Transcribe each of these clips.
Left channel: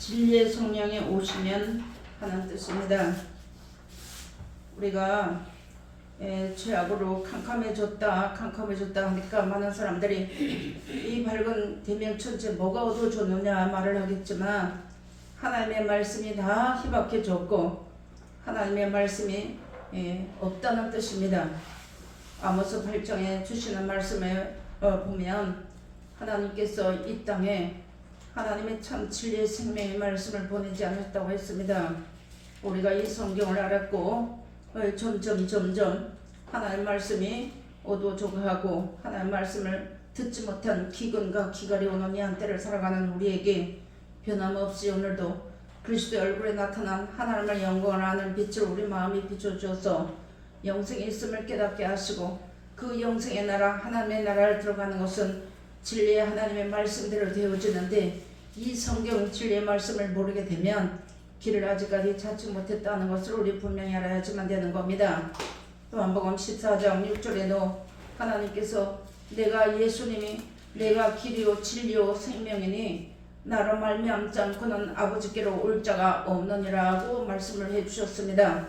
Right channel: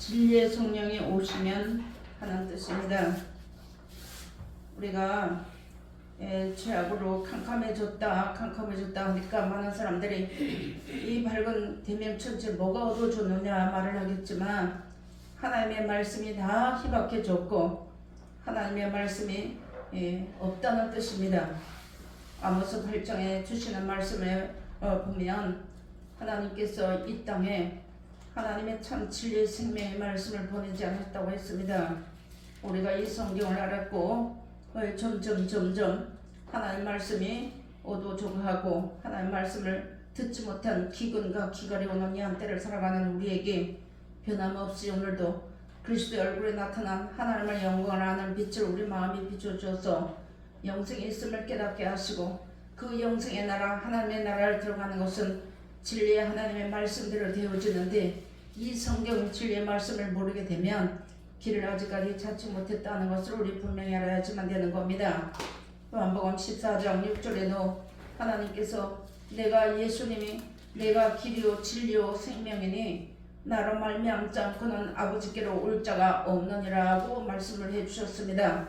진리의 성령이 오시면 하는 뜻입니다. 우리가 죄악으로 캄캄해졌다 하니까 많은 사람들이 이 밝은 대명천체 뭐가 어두워졌느냐 말을 하겠지만, 하나님의 말씀이 다 희박해졌고 하나님의 말씀이 없다는 뜻입니다. 아모스 8장에 주시는 말씀에 보면 하나님께서 이 땅에 하나님의 참 진리의 생명의 말씀을 보내지 않았다고 했습니다. 우리가 이 성경을 알았고 점점 하나님의 말씀이 어두워져가고 하나님의 말씀을 듣지 못한 기근과 기갈이 오는 이 한때를 살아가는 우리에게 변함없이 오늘도 그리스도의 얼굴에 나타난 하나님의 영광을 아는 빛을 우리 마음이 비춰주어서 영생에 있음을 깨닫게 하시고, 그 영생의 나라 하나님의 나라를 들어가는 것은 진리의 하나님의 말씀대로 되어지는데, 이 성경 진리의 말씀을 모르게 되면 길을 아직까지 찾지 못했다는 것을 우리 분명히 알아야지만 되는 겁니다. 요한복음 14장 6절에도 하나님께서 예수님이 내가 길이요 진리요 생명이니 나로 말미암지 않고는 아버지께로 올 자가 없느니라고 말씀을 해주셨습니다.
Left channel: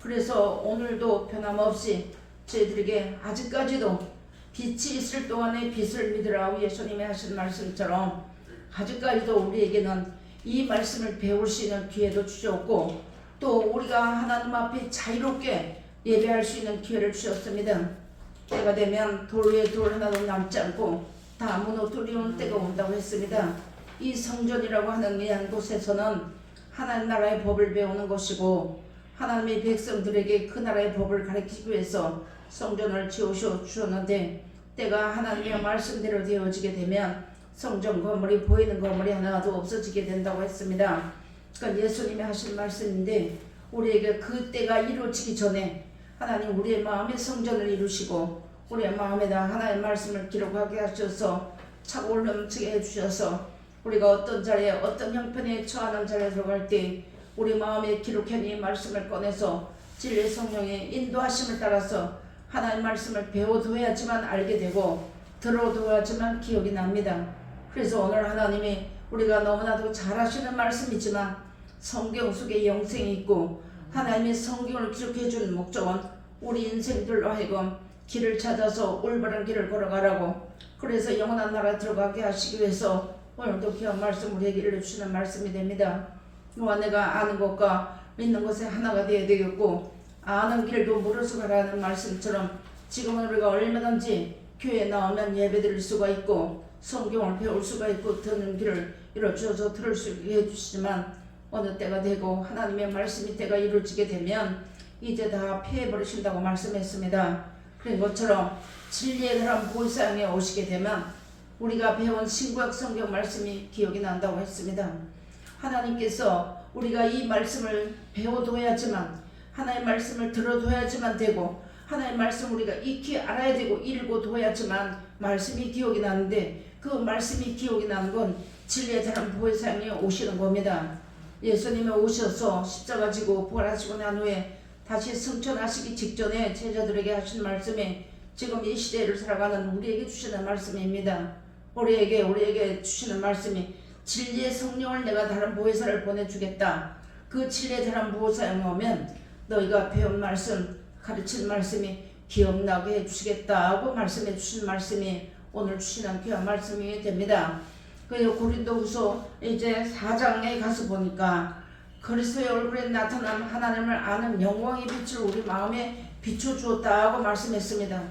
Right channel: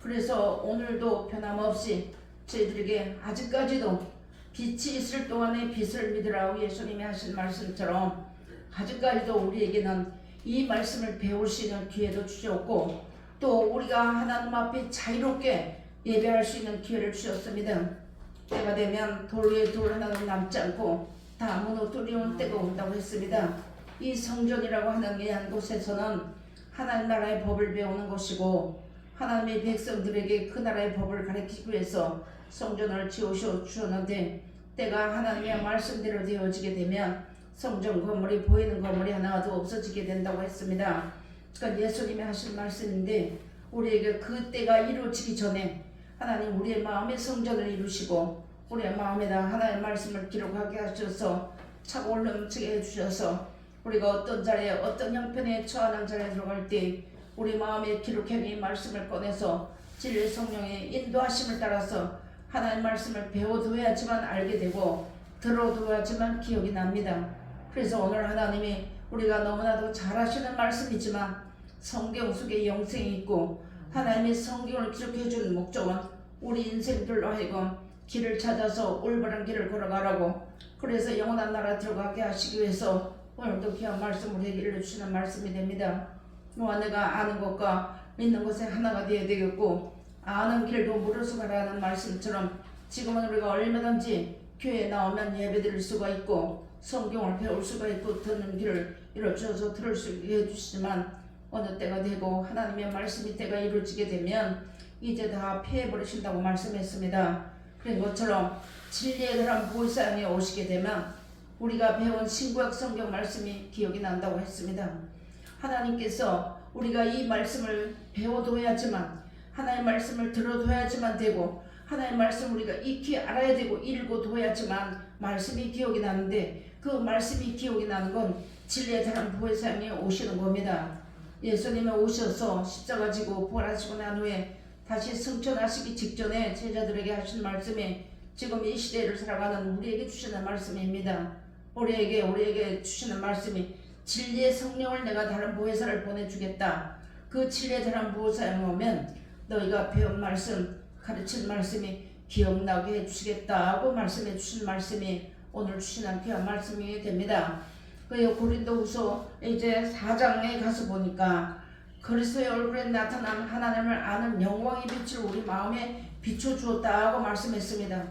그래서 오늘도 변함없이 저희들에게 아직까지도 빛이 있을 동안에 빛을 믿으라고 예수님이 하신 말씀처럼 아직까지도 우리에게는 이 말씀을 배울 수 있는 기회도 주셨고, 또 우리가 하나님 앞에 자유롭게 예배할 수 있는 기회를 주셨습니다. 때가 되면 돌 위에 돌 하나도 남지 않고 다 무너뜨리는 때가 온다고 했습니다. 이 성전이라고 하는 이한 곳에서는 하나님 나라의 법을 배우는 것이고, 하나님의 백성들에게 그 나라의 법을 가르치기 위해서 성전을 지어주셨는데, 때가 하나님의 말씀대로 되어지게 되면 성전 건물이 보이는 건물이 하나도 없어지게 된다고 했습니다. 그러니까 예수님이 하신 말씀인데, 우리에게 그 때가 이루어지기 전에 하나님 우리의 마음의 성전을 이루시고 우리의 마음에다 하나님의 말씀을 기록하게 하셔서 차고 넘치게 해주셔서 우리가 어떤 자리에 어떤 형편에 처하는 자리에 들어갈 때 우리 마음에 기록한 이 말씀을 꺼내서 진리의 성령의 인도하심을 따라서 하나님의 말씀을 배워둬야지만 알게 되고 들어둬야지만 기억이 납니다. 그래서 오늘 하나님이 우리가 너무나도 잘 아시는 말씀이지만 성경 속에 영생이 있고, 하나님의 성경을 기록해 준 목적은 우리 인생들로 하여금 길을 찾아서 올바른 길을 걸어가라고, 그래서 영원한 나라에 들어가게 하시기 위해서 오늘도 귀한 말씀 우리에게 일러주시는 말씀이 됩니다. 내가 아는 것과 믿는 것에 하나가 되어야 되겠고, 아는 길도 물어서 가라는 말씀처럼 지금은 우리가 얼마든지 교회에 나오면 예배드릴 수가 있고 성경을 배울 수가 있고 듣는 길을 이루어져서 들을 수 있게 해주시지만, 어느 때가 되고 하나님의 말씀이 때가 이루어지게 되면 이제 다 폐해버리신다고 말씀했습니다. 그런 것처럼 진리의 사람 보혜사형에 오시게 되면 우리가 배운 신구약 성경 말씀이 기억이 난다고 했습니다. 하나님께서 우리가 이 말씀을 배워둬야지만, 하나님의 말씀을 들어둬야지만 되고, 하나님의 말씀 우리가 익히 알아야 되고 읽어둬야지만 말씀이 기억이 나는데, 그 말씀이 기억이 나는 건 진리의 사람 보혜사형이 오시는 겁니다. 예수님이 오셔서 십자가 지고 부활하시고 난 후에 다시 승천하시기 직전에 제자들에게 하신 말씀이 지금 이 시대를 살아가는 우리에게 주시는 말씀입니다. 우리에게 주시는 말씀이 진리의 성령을 내가 다른 보혜사를 보내주겠다. 그 진리의 다른 보혜사형이 오면 너희가 배운 말씀, 가르친 말씀이 기억나게 해주시겠다고 말씀해 주신 말씀이 오늘 주시는 귀한 말씀이 됩니다. 그 고린도후서 이제 4장에 가서 보니까 그리스도의 얼굴에 나타난 하나님을 아는 영광의 빛을 우리 마음에 비춰주었다고 말씀했습니다.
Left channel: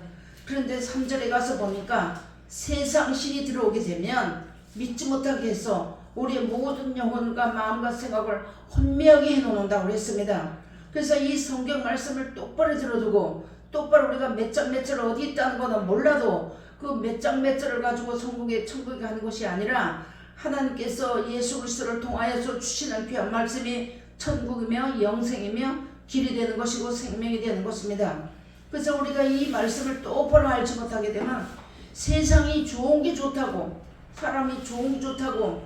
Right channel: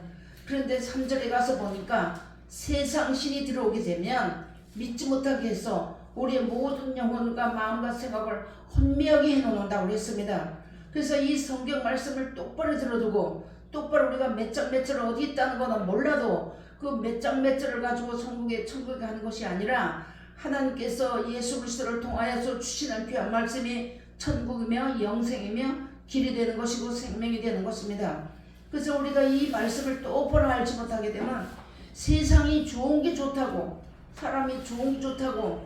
그런데 3절에 가서 보니까 세상 신이 들어오게 되면 믿지 못하게 해서 우리의 모든 영혼과 마음과 생각을 혼미하게 해놓는다고 했습니다. 그래서 이 성경 말씀을 똑바로 들어두고, 똑바로 우리가 몇 장 몇 절 어디 있다는 거는 몰라도 그 몇 장 몇 절을 가지고 천국에 가는 것이 아니라, 하나님께서 예수 그리스도를 통하여서 주시는 귀한 말씀이 천국이며 영생이며 길이 되는 것이고 생명이 되는 것입니다. 그래서 우리가 이 말씀을 똑바로 알지 못하게 되면 세상이 좋은 게 좋다고, 사람이 좋은 게 좋다고,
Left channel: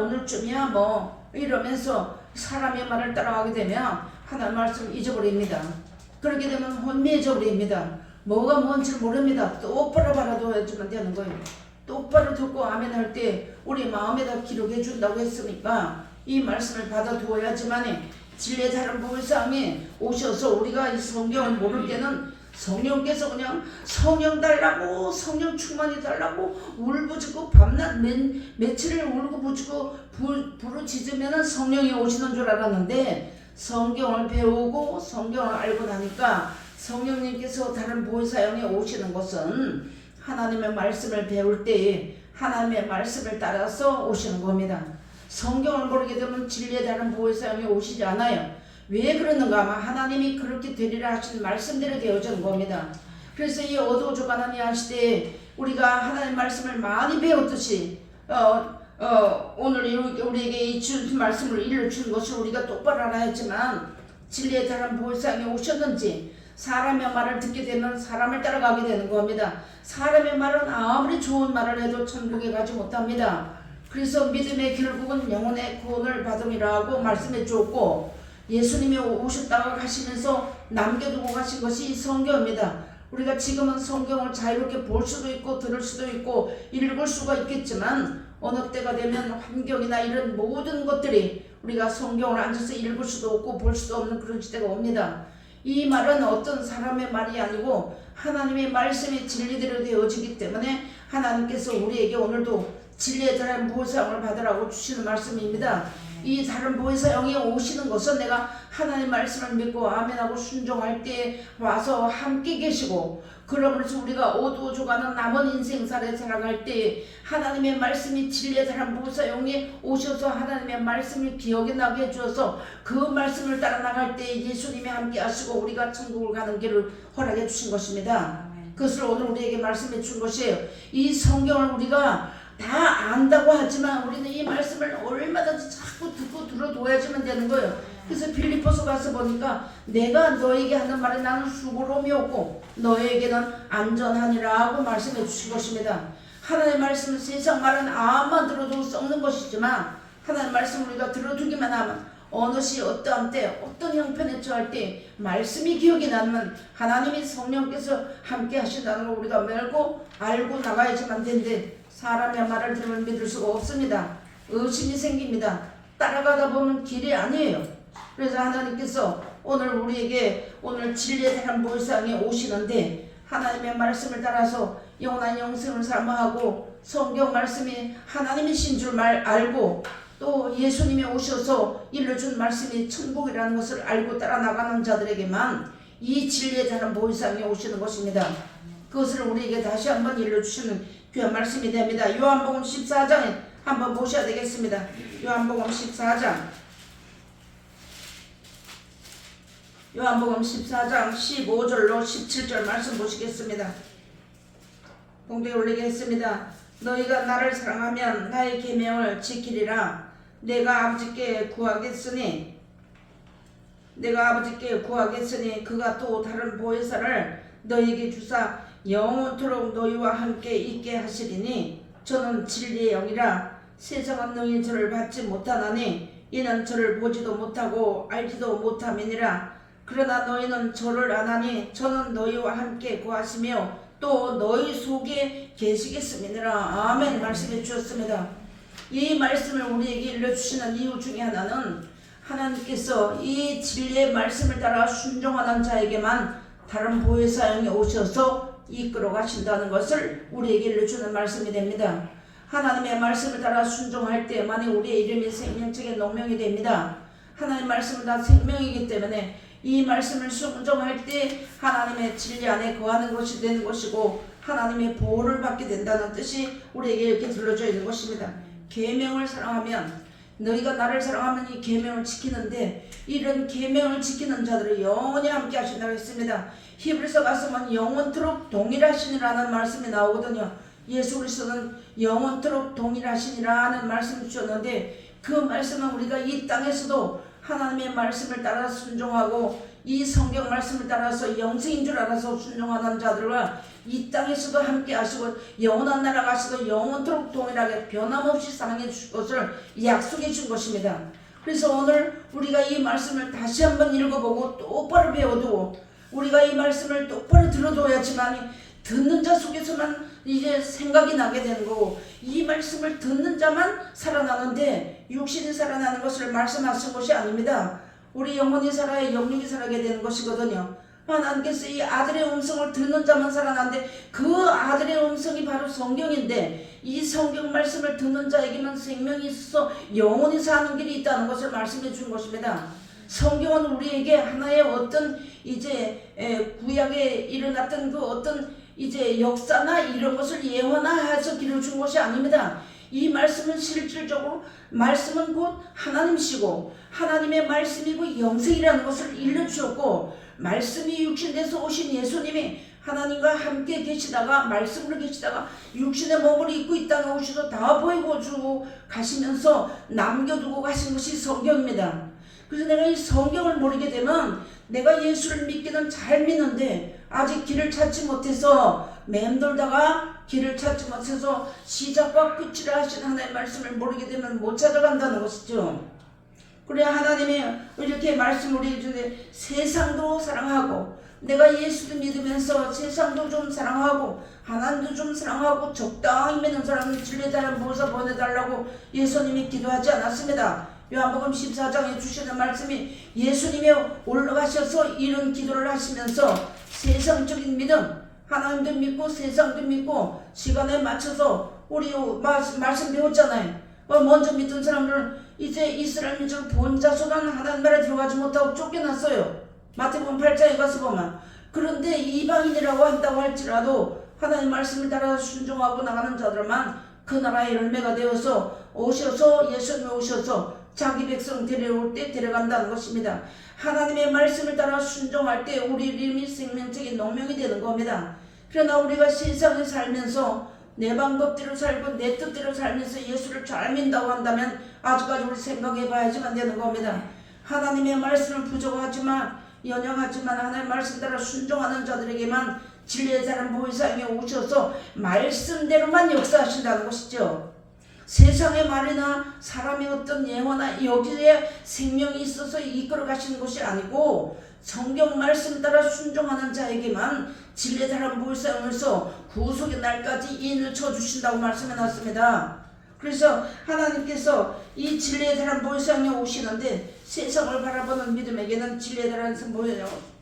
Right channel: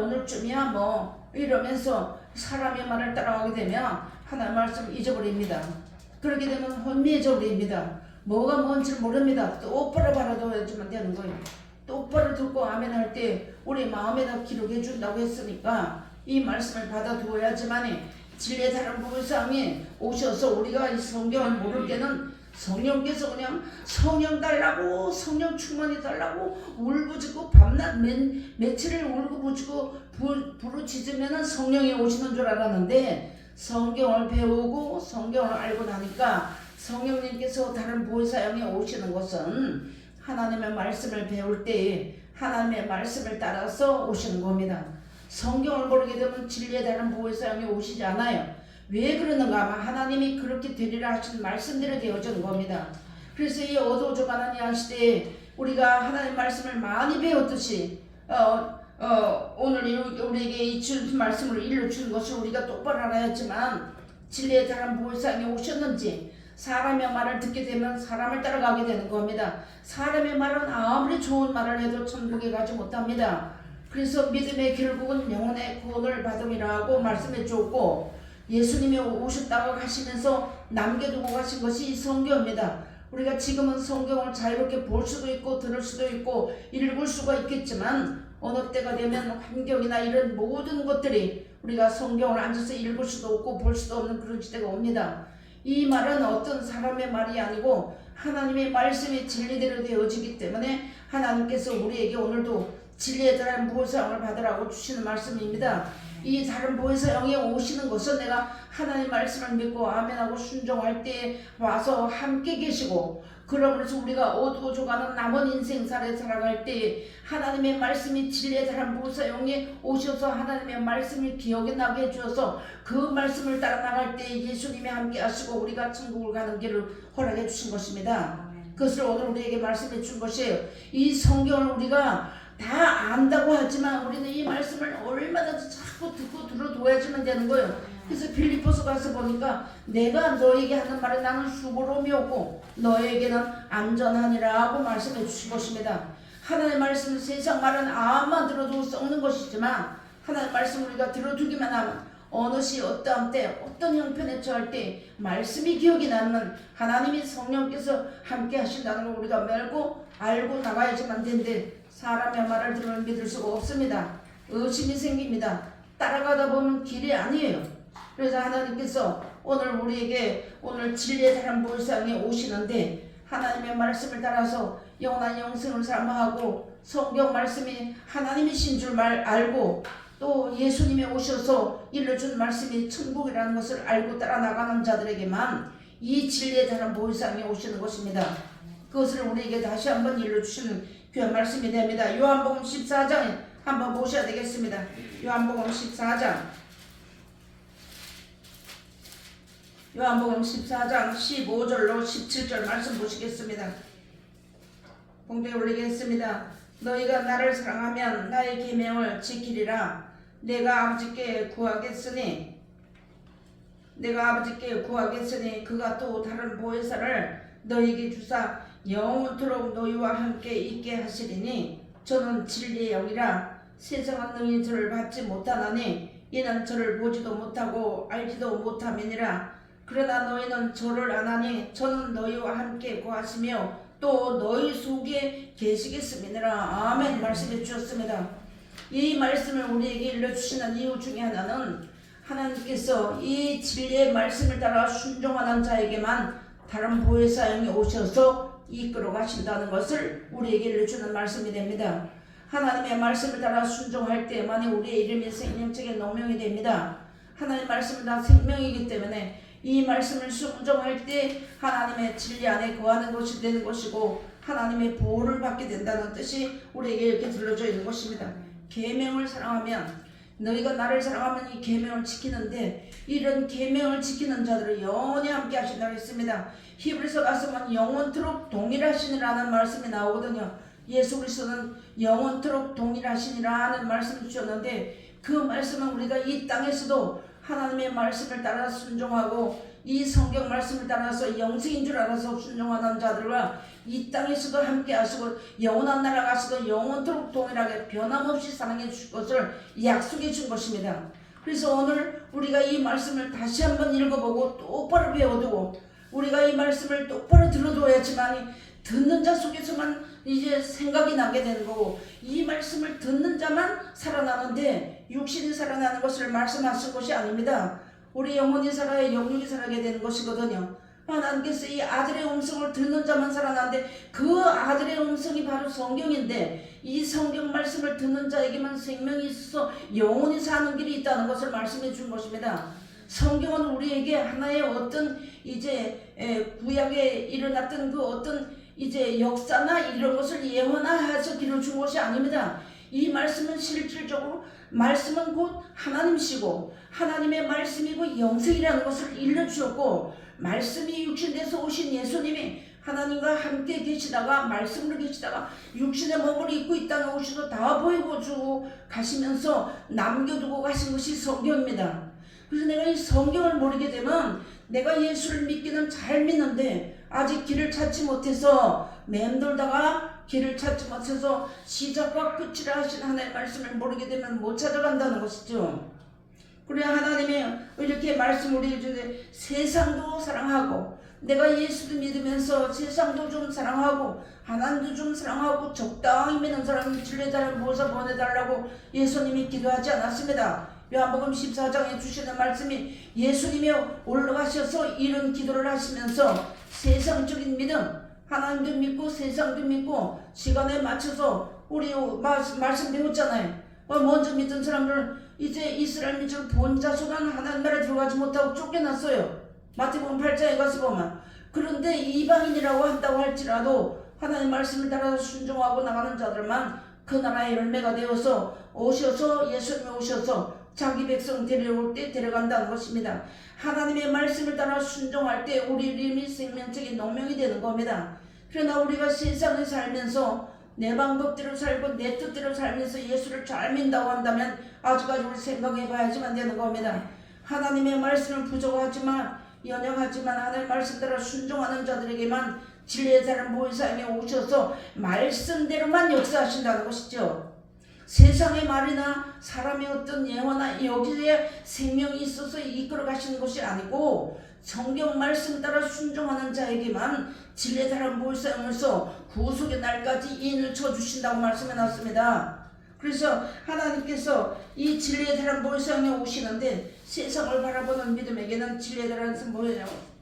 오늘쯤이야 뭐 이러면서 사람의 말을 따라가게 되면 하나님의 말씀을 잊어버립니다. 그렇게 되면 혼미해져 버립니다. 뭐가 뭔지 모릅니다. 똑바로 바라둬야지만 되는 거예요. 똑바로 듣고 아멘 할 때 우리 마음에다 기록해 준다고 했으니까 이 말씀을 받아두어야지만 진리의 다른 보혜사항이 오셔서 우리가 이 성경을 모를 때는 성령께서 그냥 성령 달라고 성령 충만히 달라고 울부짖고 밤낮 며칠을 울고 부짖고 부르짖으면 성령이 오시는 줄 알았는데 성경을 배우고 성경을 알고 나니까 성령님께서 다른 보혜사형이 오시는 것은 하나님의 말씀을 배울 때 하나님의 말씀을 따라서 오시는 겁니다. 성경을 모르게 되면 진리에 다른 보혜사형이 오시지 않아요. 왜 그러는가 하면 하나님이 그렇게 되리라 하신 말씀대로 되어지는 겁니다. 그래서 이 어두워져가는 이 시대에 우리가 하나님의 말씀을 많이 배웠듯이 오늘 우리에게 이 말씀을 일러준 것을 우리가 똑바로 알아야 했지만 진리에 다른 보혜사형이 오셨는지 사람의 말을 듣게 되면 사람을 따라가게 되는 겁니다. 사람의 말은 아무리 좋은 말을 해도 천국에 가지 못합니다. 그래서 믿음의 결국은 영혼의 구원을 받음이라고 말씀해 주었고 예수님이 오셨다고 하시면서 남겨두고 가신 것이 성경입니다. 우리가 지금은 성경을 자유롭게 볼 수도 있고 들을 수도 있고 읽을 수가 있겠지만 어느 때가 되면 환경이나 이런 모든 것들이 우리가 성경을 앉아서 읽을 수도 없고 볼 수도 없는 그런 시대가 옵니다. 이 말은 어떤 사람의 말이 아니고 하나님의 말씀이 진리대로 되어지기 때문에 하나님께서 우리에게 오늘도 진리의 다른 보혜사형을 받으라고 주시는 말씀입니다. 이 다른 보혜사형이 오시는 것은 내가 하나님의 말씀을 믿고 아멘하고 순종할 때 와서 함께 계시고 그러면서 우리가 어두워져가는 남은 인생살에 살아갈 때 하나님의 말씀이 진리의 다른 보혜사형이 오셔서 하나님의 말씀을 기억에 나게 해주어서 그 말씀을 따라 나갈 때 예수님이 함께 하시고 우리가 천국을 가는 길을 허락해 주신 것입니다. 그것을 오늘 우리에게 말씀해 준 것이에요. 이 성경을 우리가 다 안다고 하지만 우리는 이 말씀을 얼마든지 자꾸 듣고 들어둬야지만 되는 거예요. 그래서 빌립보서 가서 보니까 내가 너에게 하는 말은 나는 수고로움이 없고 너에게는 안전하니라고 말씀해 주신 것입니다. 하나님의 말씀 세상 말은 아무만 들어도 썩는 것이지만 하나님의 말씀 우리가 들어두기만 하면 어느 시 어떠한 때 어떤 형편에 처할 때 말씀이 기억이 나면 하나님이 성령께서 함께 하신다는 걸 우리가 알고 나가야지만 되는데 사람의 말을 들으면 믿을 수가 없습니다. 의심이 생깁니다. 따라가다 보면 길이 아니에요. 그래서 하나님께서 오늘 우리에게 오늘 진리의 다른 보혜사형이 오시는데 하나님의 말씀을 따라서 영원한 영생을 사모하고 성경 말씀이 하나님이신 줄 알고 또 예수님이 오셔서 일러준 말씀이 천국이라는 것을 알고 따라 나가는 자들에게만 이 진리의 다른 보혜사형이 오시는 것입니다. 그것을 우리에게 다시 한번 일러주시는 귀한 말씀이 됩니다. 요한복음 14장에 한번 보셔야 되겠습니다. 요한복음 14장 15절로 17절 말씀 보시겠습니다. 공중에 올리겠습니다. 너희가 나를 사랑하면 나의 계명을 지키리라. 내가 아버지께 구하겠으니 그가 또 다른 보혜사를 너희에게 주사 영원토록 너희와 함께 있게 하시리니 저는 진리의 영이라. 세상은 너희 저를 받지 못하나니 이는 저를 보지도 못하고 알지도 못함이니라. 그러나 너희는 저를 아나니 저는 너희와 함께 거하시며 또 너희 속에 계시겠음이니라. 아멘. 말씀해 주셨습니다. 이 말씀을 우리에게 일러주시는 이유 중에 하나는 하나님께서 이 진리의 말씀을 따라 순종하는 자에게만 다른 보혜사형이 오셔서 이끌어 가신다는 것을 우리에게 일러주는 말씀이 됩니다. 하나님의 말씀을 따라 순종할 때만이 우리의 이름이 생명책에 농명이 됩니다. 하나님의 말씀은 다 생명이기 때문에 이 말씀을 순종할 때 하나님의 진리 안에 거하는 것이 되는 것이고 하나님의 보호를 받게 된다는 뜻이 우리에게 이렇게 들려져 있는 것입니다. 계명을 사랑하면 너희가 나를 사랑하면 이 계명을 지키는데 이런 계명을 지키는 자들을 영원히 함께 하신다고 했습니다. 히브리서 가서만 영원토록 동일하시니라는 말씀이 나오거든요. 예수 그리스도는 영원토록 동일하시니라는 말씀을 주셨는데 그 말씀은 우리가 이 땅에서도 하나님의 말씀을 따라 순종하고 이 성경 말씀을 따라서 영생인 줄 알아서 순종하는 자들과 이 땅에서도 함께 하시고 영원한 나라 가시도 영원토록 동일하게 변함없이 사랑해 주실 것을 약속해 준 것입니다. 그래서 오늘 우리가 이 말씀을 다시 한번 읽어보고 똑바로 배워두고 우리가 이 말씀을 똑바로 들어둬야지만 듣는 자 속에서만 이제 생각이 나게 되는 거고, 이 말씀을 듣는 자만 살아나는데 육신이 살아나는 것을 말씀하신 것이 아닙니다. 우리 영혼이 살아야 영육이 살아게 되는 것이거든요. 하나님께서 이 아들의 음성을 듣는 자만 살아나는데 그 아들의 음성이 바로 성경인데, 이 성경 말씀을 듣는 자에게만 생명이 있어서 영혼이 사는 길이 있다는 것을 말씀해 준 것입니다. 성경은 우리에게 하나의 어떤 이제 구약에 일어났던 그 어떤 이제 역사나 이런 것을 예언하여서 길을 준 것이 아닙니다. 이 말씀은 실질적으로 말씀은 곧 하나님이시고 하나님의 말씀이고 영생이라는 것을 일러주셨고, 말씀이 육신돼서 오신 예수님이 하나님과 함께 계시다가 말씀으로 계시다가 육신의 몸을 입고 이 땅에 오셔서 다 보이고 주고 가시면서 남겨두고 가신 것이 성경입니다. 그래서 내가 이 성경을 모르게 되면 내가 예수를 믿기는 잘 믿는데 아직 길을 찾지 못해서 맴돌다가 길을 찾지 못해서 시작과 끝을 하신 하나님의 말씀을 모르게 되면 못 찾아간다는 것이죠. 그래 하나님이 이렇게 말씀을 우리에게 주는데 세상도 사랑하고, 내가 예수도 믿으면서 세상도 좀 사랑하고 하나님도 좀 사랑하고 적당히 믿는 사람은 진리자를 모아서 보내달라고 예수님이 기도하지 않았습니다. 요한복음 14장에 주시는 말씀이 예수님이 올라가셔서 이런 기도를 하시면서 세상적인 믿음, 하나님도 믿고 세상도 믿고 시간에 맞춰서 우리 말씀 배웠잖아요. 먼저 믿던 사람들 이제 이스라엘 민족 본자손은 하나님 나라에 들어가지 못하고 쫓겨났어요. 마태복음 8장에 가서 보면. 그런데 이방인이라고 한다고 할지라도 하나님 말씀을 따라 순종하고 나가는 자들만 그 나라의 열매가 되어서 오셔서 예수님이 오셔서 자기 백성 데려올 때 데려간다는 것입니다. 하나님의 말씀을 따라 순종할 때 우리 이름이 생명적인 농명이 되는 겁니다. 그러나 우리가 세상에 살면서 내 방법대로 살고 내 뜻대로 살면서 예수를 잘 믿는다고 한다면 아직까지 우리 생각해 봐야지만 되는 겁니다. 하나님의 말씀을 부족하지만 연약하지만 하나님의 말씀 따라 순종하는 자들에게만 진리의 사람 보혜사에게 오셔서 말씀대로만 역사하신다는 것이죠. 세상의 말이나 사람의 어떤 예화나 여기에 생명이 있어서 이끌어 가시는 것이 아니고 성경 말씀 따라 순종하는 자에게만 진리의 사람 보혜사에서 구속의 날까지 인을 쳐주신다고 말씀해 놨습니다. 그래서 하나님께서 이 진리의 사람 보혜사에 오시는데 세상을 바라보는 믿음에게는 진리의 사람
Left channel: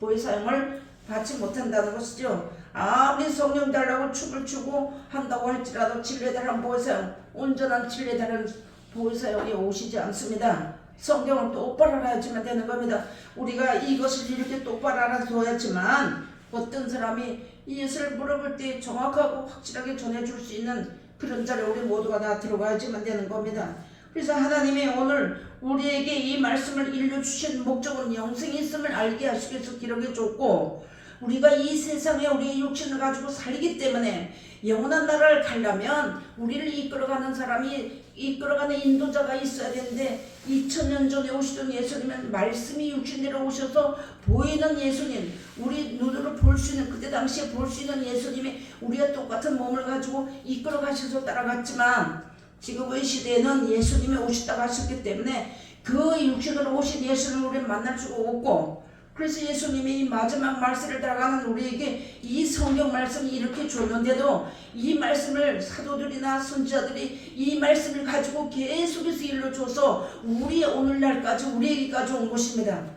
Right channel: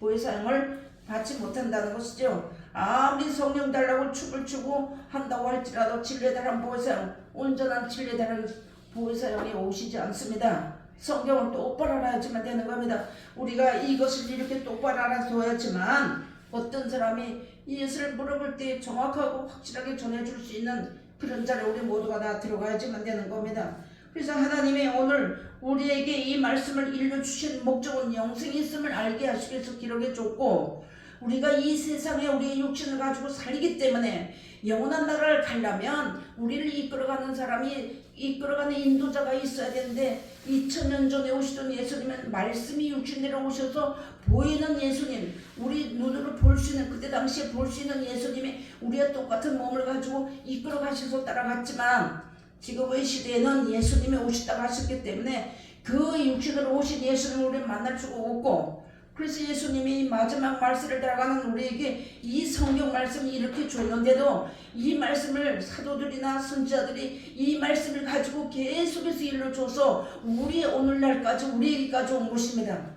보혜사를 받지 못한다는 것이죠. 아무리 성령 달라고 춤을 추고 한다고 할지라도 진리의 사람 보혜사용, 온전한 진리의 사람 보혜사용이 오시지 않습니다. 성경을 똑바로 알아야지만 되는 겁니다. 우리가 이것을 이렇게 똑바로 알아둬야지만 어떤 사람이 이것을 물어볼 때 정확하고 확실하게 전해줄 수 있는 그런 자리에 우리 모두가 다 들어가야지만 되는 겁니다. 그래서 하나님이 오늘 우리에게 이 말씀을 일러주신 목적은 영생이 있음을 알게 하시기 위해서 기록해 줬고, 우리가 이 세상에 우리의 육신을 가지고 살기 때문에 영원한 나라를 가려면 우리를 이끌어가는 사람이 이끌어가는 인도자가 있어야 되는데 2000년 전에 오시던 예수님은 말씀이 육신대로 오셔서 보이는 예수님, 우리 눈으로 볼 수 있는 그때 당시에 볼 수 있는 예수님이 우리와 똑같은 몸을 가지고 이끌어 가셔서 따라갔지만 지금의 시대에는 예수님이 오시다가 하셨기 때문에 그 육신으로 오신 예수님을 우리는 만날 수가 없고, 그래서 예수님이 마지막 말씀을 따라가는 우리에게 이 성경 말씀을 이렇게 줬는데도 이 말씀을 사도들이나 선지자들이 이 말씀을 가지고 계속해서 일러줘서 우리 오늘날까지 우리에게까지 온 것입니다.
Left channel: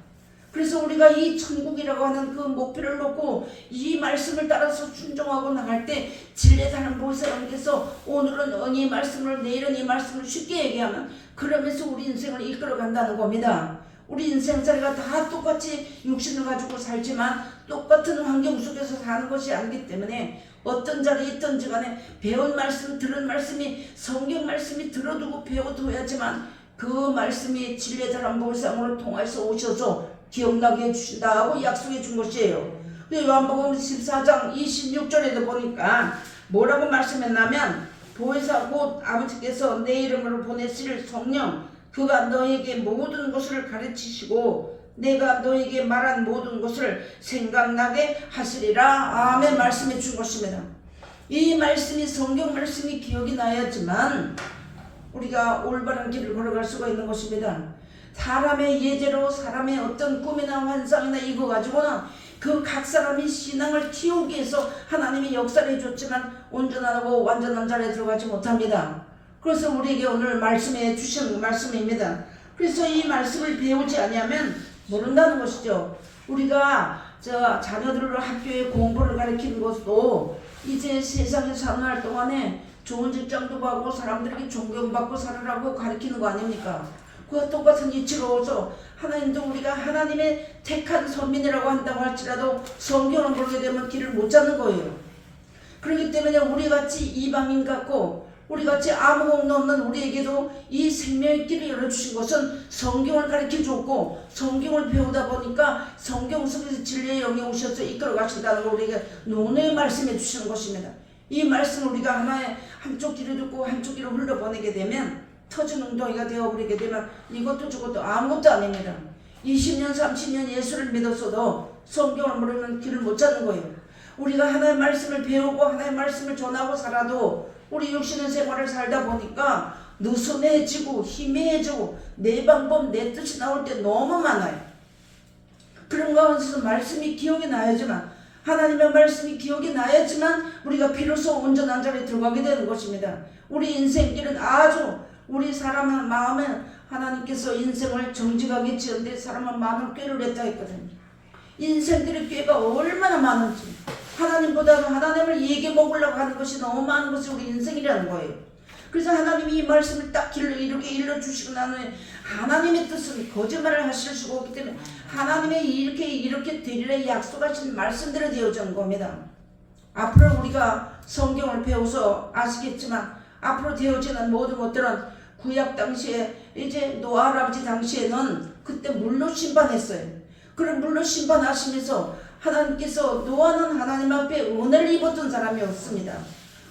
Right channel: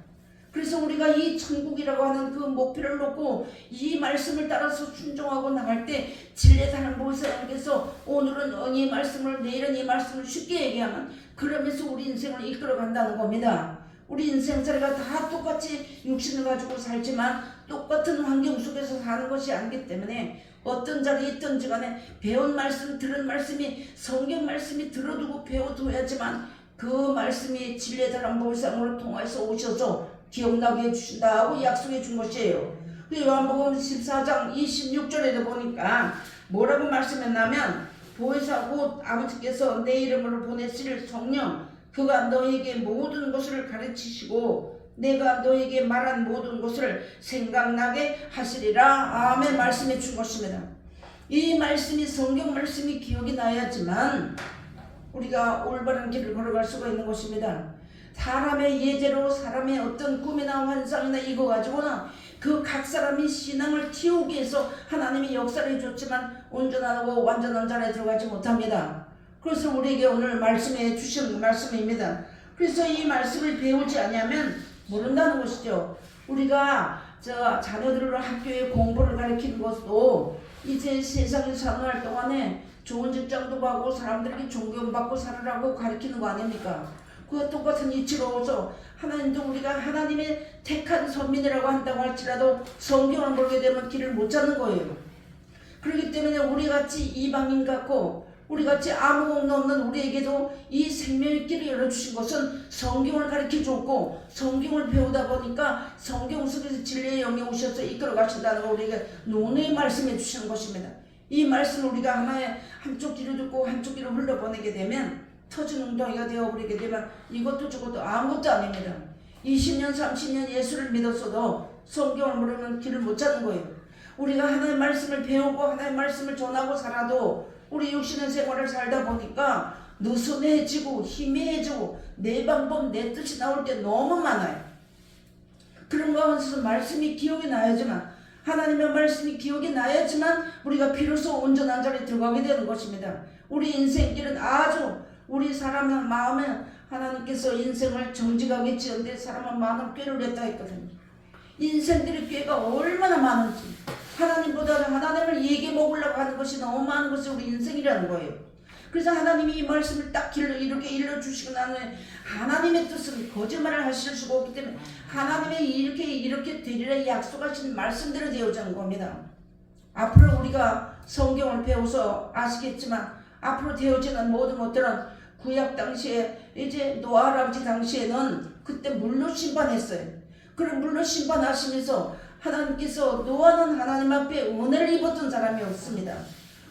그래서 우리가 이 천국이라고 하는 그 목표를 놓고 이 말씀을 따라서 순종하고 나갈 때 진리의 사람 보혜사님께서 오늘은 이 말씀을 내일은 이 말씀을 쉽게 얘기하면 그러면서 우리 인생을 이끌어 간다는 겁니다. 우리 인생살이가 다 똑같이 육신을 가지고 살지만 똑같은 환경 속에서 사는 것이 아니기 때문에 어떤 자리에 있든지 간에 배운 말씀, 들은 말씀이 성경 말씀이 들어두고 배워둬야지만 그 말씀이 진리의 사람 보혜사님으로 통해서 오셔서 기억나게 해주신다고 약속해 준 것이에요. 근데 요한복음 14장 26절에도 보니까 뭐라고 말씀했냐면 보혜사 곧 아버지께서 내 이름으로 보내실 성령 그가 너에게 모든 것을 가르치시고 내가 너에게 말한 모든 것을 생각나게 하시리라. 아멘 말씀해 준 것입니다. 이 말씀이 성경 말씀이 기억이 나야지만 우리가 올바른 길을 걸어갈 수가 있는 것입니다. 사람의 예제로 사람의 어떤 꿈이나 환상이나 이거 가지고는 그 각 사람이 신앙을 키우기 위해서 하나님이 역사를 해줬지만 온전하고 완전한 자리에 들어가지 못합니다. 그래서 우리에게 오늘 말씀해 주신 말씀입니다. 그래서 이 말씀을 배우지 않으면 모른다는 것이죠. 우리가 자녀들을 학교에 공부를 가르치는 것도 이제 세상에 사는 동안에 좋은 직장도 가고 사람들에게 존경받고 살으라고 가르치는 거 아닙니까? 그와 똑같은 이치로서 하나님도 우리가 하나님의 택한 선민이라고 한다고 할지라도 성경을 모르게 되면 길을 못 잡는 거예요. 그렇기 때문에 우리같이 이방인 같고 우리같이 아무 공도 없는 우리에게도 이 생명의 길을 열어주신 것은 성경을 가르쳐줬고 성경을 배우다 보니까 성경 속에서 진리의 영이 오셔서 이끌어 가신다는 걸 우리에게 논의 말씀해 주시는 것입니다. 이 말씀을 우리가 하나의 한쪽 귀로 듣고 한쪽 귀로 흘려보내게 되면 터진 웅덩이가 되어버리게 되면 이것도 저것도 아무것도 아닙니다. 20년 30년 예수를 믿었어도 성경을 모르면 길을 못 찾는 거예요. 우리가 하나의 말씀을 배우고 하나의 말씀을 전하고 살아도 우리 육신의 생활을 살다 보니까 느슨해지고 희미해지고 내 방법 내 뜻이 나올 때 너무 많아요. 그런 가운데서 말씀이 기억이 나야지만 하나님의 말씀이 기억이 나야지만 우리가 비로소 온전한 자리에 들어가게 되는 것입니다. 우리 인생길은 아주 우리 사람의 마음에 하나님께서 인생을 정직하게 지었는데 사람은 많은 꾀를 했다 했거든요. 인생들의 꾀가 얼마나 많은지 하나님보다는 하나님을 얘기해 먹으려고 하는 것이 너무 많은 것이 우리 인생이라는 거예요. 그래서 하나님이 이 말씀을 딱 이렇게 일러주시고 나는 하나님의 뜻은 거짓말을 하실 수가 없기 때문에 하나님의 이렇게 되리라 약속하신 말씀대로 되어지는 겁니다. 앞으로 우리가 성경을 배워서 아시겠지만 앞으로 되어지는 모든 것들은 구약 당시에 이제 노아 할아버지 당시에는 그때 물로 심판했어요. 그런 물로 심판하시면서 하나님께서 노아는 하나님 앞에 은혜를 입었던 사람이었습니다.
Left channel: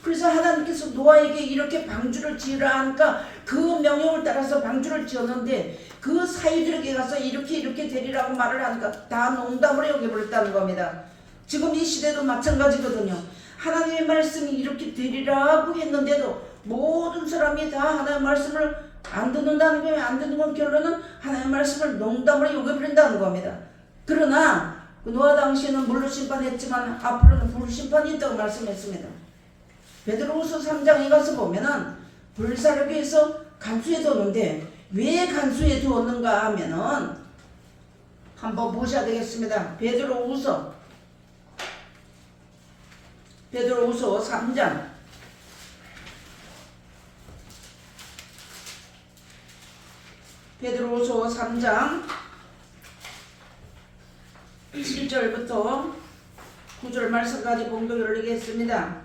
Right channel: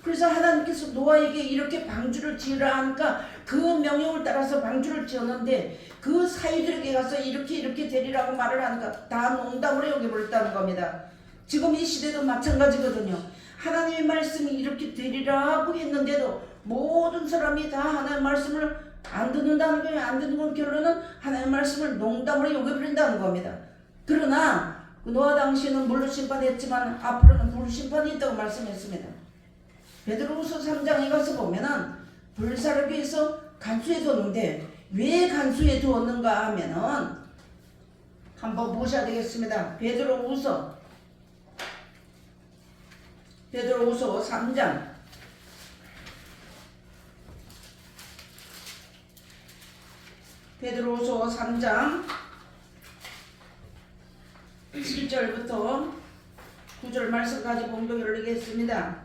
그래서 하나님께서 노아에게 이렇게 방주를 지으라 하니까 그 명령을 따라서 방주를 지었는데 그 사이들에게 가서 이렇게 되리라고 말을 하니까 다 농담으로 여겨버렸다는 겁니다. 지금 이 시대도 마찬가지거든요. 하나님의 말씀이 이렇게 되리라고 했는데도 모든 사람이 다 하나님의 말씀을 안 듣는다는 거예요. 안 듣는 건 결론은 하나님의 말씀을 농담으로 여겨버린다는 겁니다. 그러나 노아 당시에는 물로 심판했지만 앞으로는 불 심판이 있다고 말씀했습니다. 베드로후서 3장에 가서 보면은 불사르기 위해서 간수해 두었는데 왜 간수해 두었는가 하면은 한번 보셔야 되겠습니다. 베드로후서 3장 베드로후서 3장 7절부터 9절 말씀까지 공독을 올리겠습니다.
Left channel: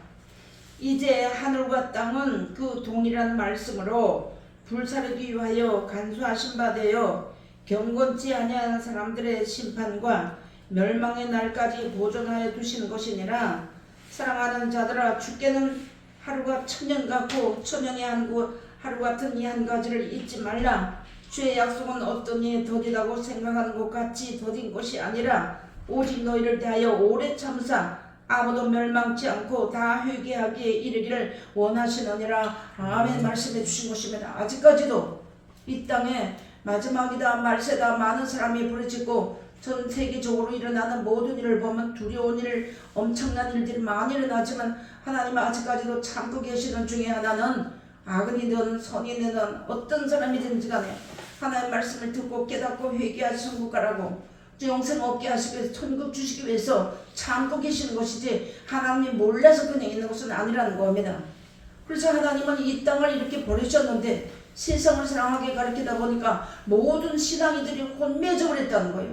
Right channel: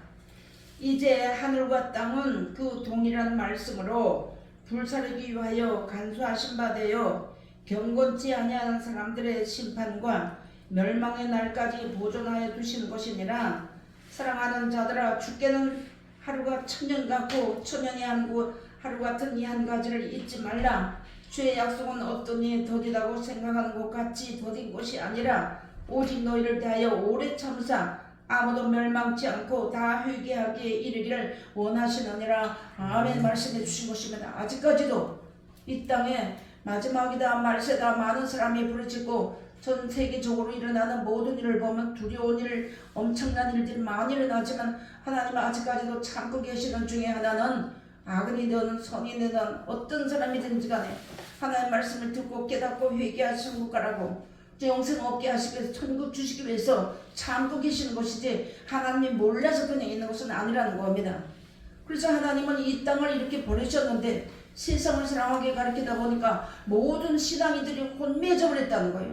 이제 하늘과 땅은 그 동일한 말씀으로 불사르기 위하여 간수하신 바 되어 경건치 아니하는 사람들의 심판과 멸망의 날까지 보존하여 두신 것이니라. 사랑하는 자들아, 주께는 하루가 천년 같고 천년이 하루 같은 이 한 가지를 잊지 말라. 주의 약속은 어떤 이에 더디다고 생각하는 것 같이 더딘 것이 아니라 오직 너희를 대하여 오래 참으사 아무도 멸망치 않고 다 회개하기에 이르기를 원하시느니라. 아멘. 말씀해 주신 것입니다. 아직까지도 이 땅에 마지막이다 말세다 많은 사람이 부르짖고 전 세계적으로 일어나는 모든 일을 보면 두려운 일, 엄청난 일들이 많이 일어나지만 하나님은 아직까지도 참고 계시는 중에 하나는 악인이든 선인이든 어떤 사람이든지 간에 하나님의 말씀을 듣고 깨닫고 회개하시는 국가라고 영생 얻게 하시기 위해서 천국 주시기 위해서 참고 계시는 것이지 하나님이 몰라서 그냥 있는 것은 아니라는 겁니다. 그래서 하나님은 이 땅을 이렇게 버리셨는데 세상을 사랑하게 가르치다 보니까 모든 신앙이들이 혼미해져 버렸다는 거예요.